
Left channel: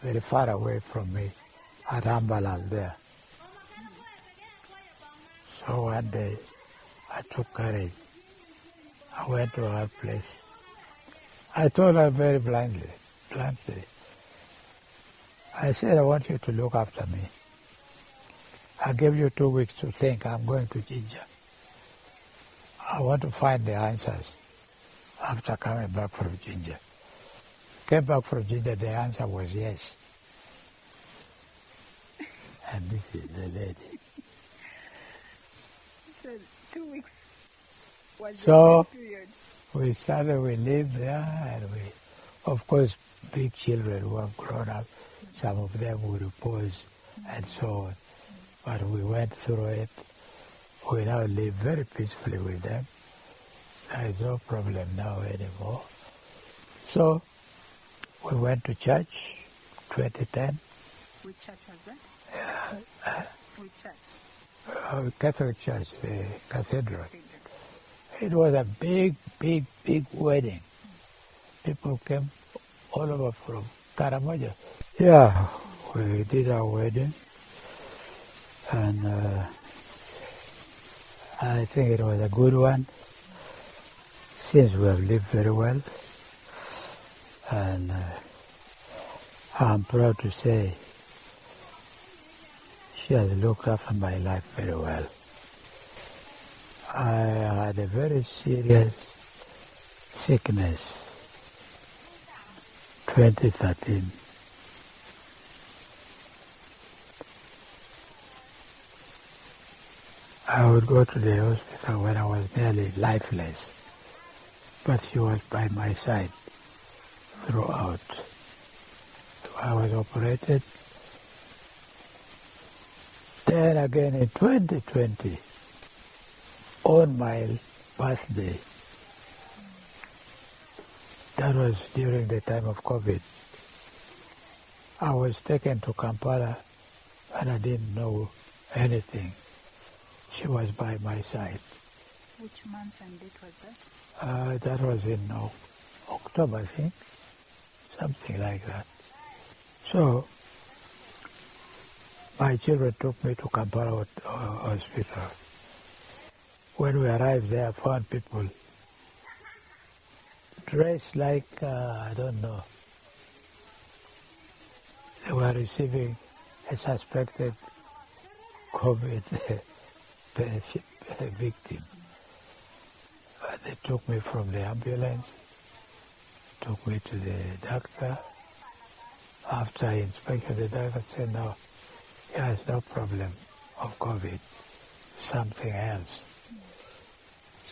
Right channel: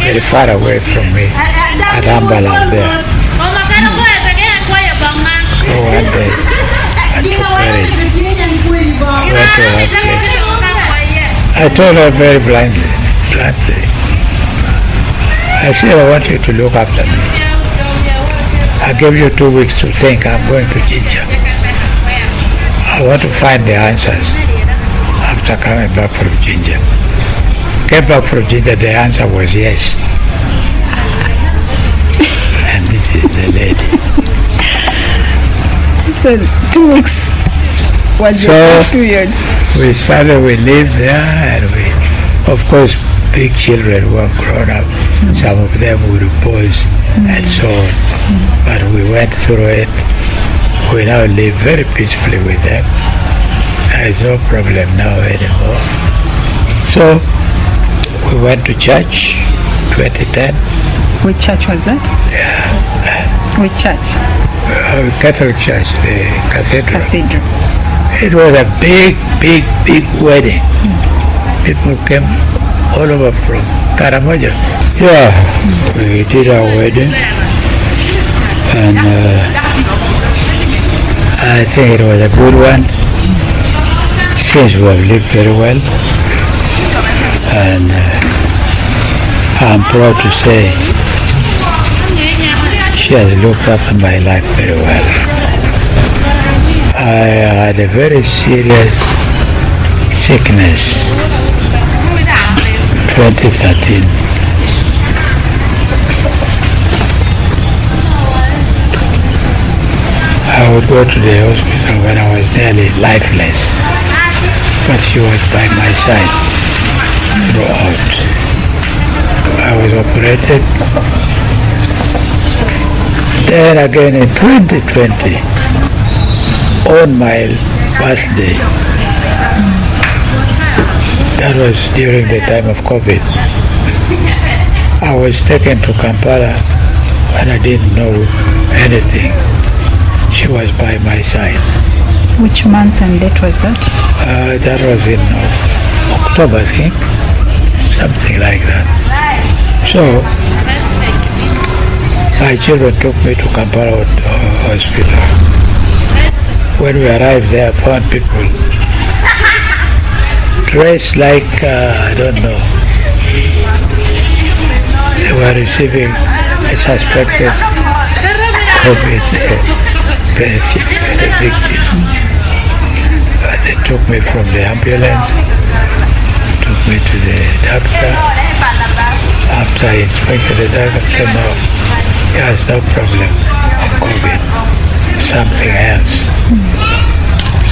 very far away from me at Ambalang there. So one day I took courage. I went to her place. I told her very bluntly, I said, I want you to look after me. I gave you 2 weeks to think. I'm going to Jinja. I want to find the answers after coming back from Jinja. Came back from Jinja, the answer was yes. And this is the lady. So 2 weeks was the first period. We lived there, and of course, big children were grown up. Some of them would pose and so on. But we went through it. We now live very peacefully with them. There is no problem now anymore. So We went to church, 2010. Which church was that? Which church? Catholic Church, the cathedral. Cathedral. It was a big wedding. People came all over from Karamoja. Yeah, we did our wedding, and I think it was a good one. Since we have lived very well, and I'm proud to say she has looked after my life very well. I had a very serious sickness, 2013. I would go to the hospital when I was nearly lifeless, but she was by my side throughout. I was operated. Then again in 2020, on my birthday, that was during the time of COVID, I was taken to Kampala and I didn't know anything. She was by my side. Which month and date was that? That was in October, I think, something like that. So, my children took me to Kampala Hospital. When we arrived there, I found people dressed like, I don't know, they were receiving a suspected COVID victim. They took me from the ambulance, took me to the doctor. After I inspected the doctor, said no, he has no problem of COVID, something else.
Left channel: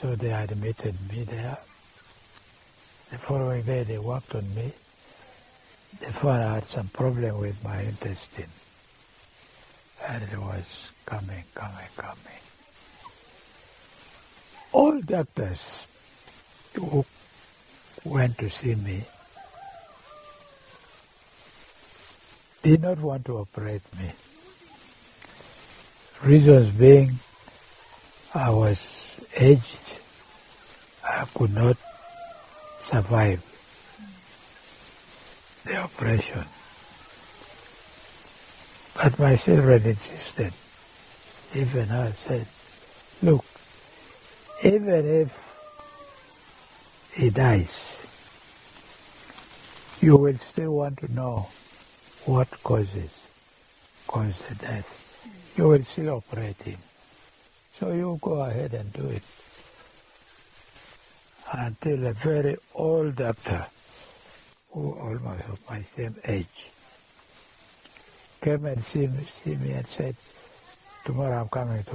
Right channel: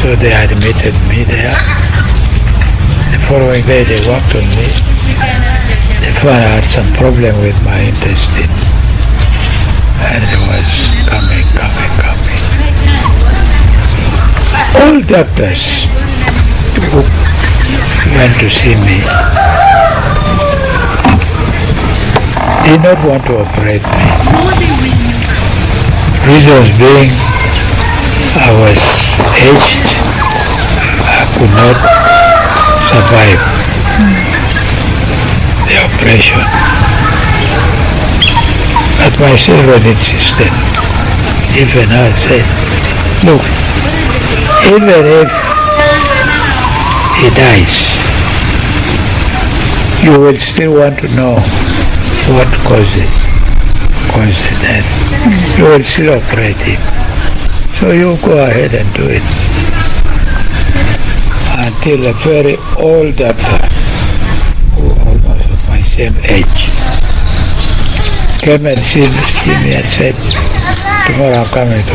So they admitted me there. The following day they worked on me. They found I had some problem with my intestine. And it was coming. All doctors who went to see me did not want to operate me. Reasons being, I was aged, I could not survive the operation. But my children insisted. Even I said, look, even if he dies, you will still want to know what caused the death. You will still operate him. So you go ahead and do it. Until a very old doctor, who almost of my same age, came and see me and said, tomorrow I'm coming to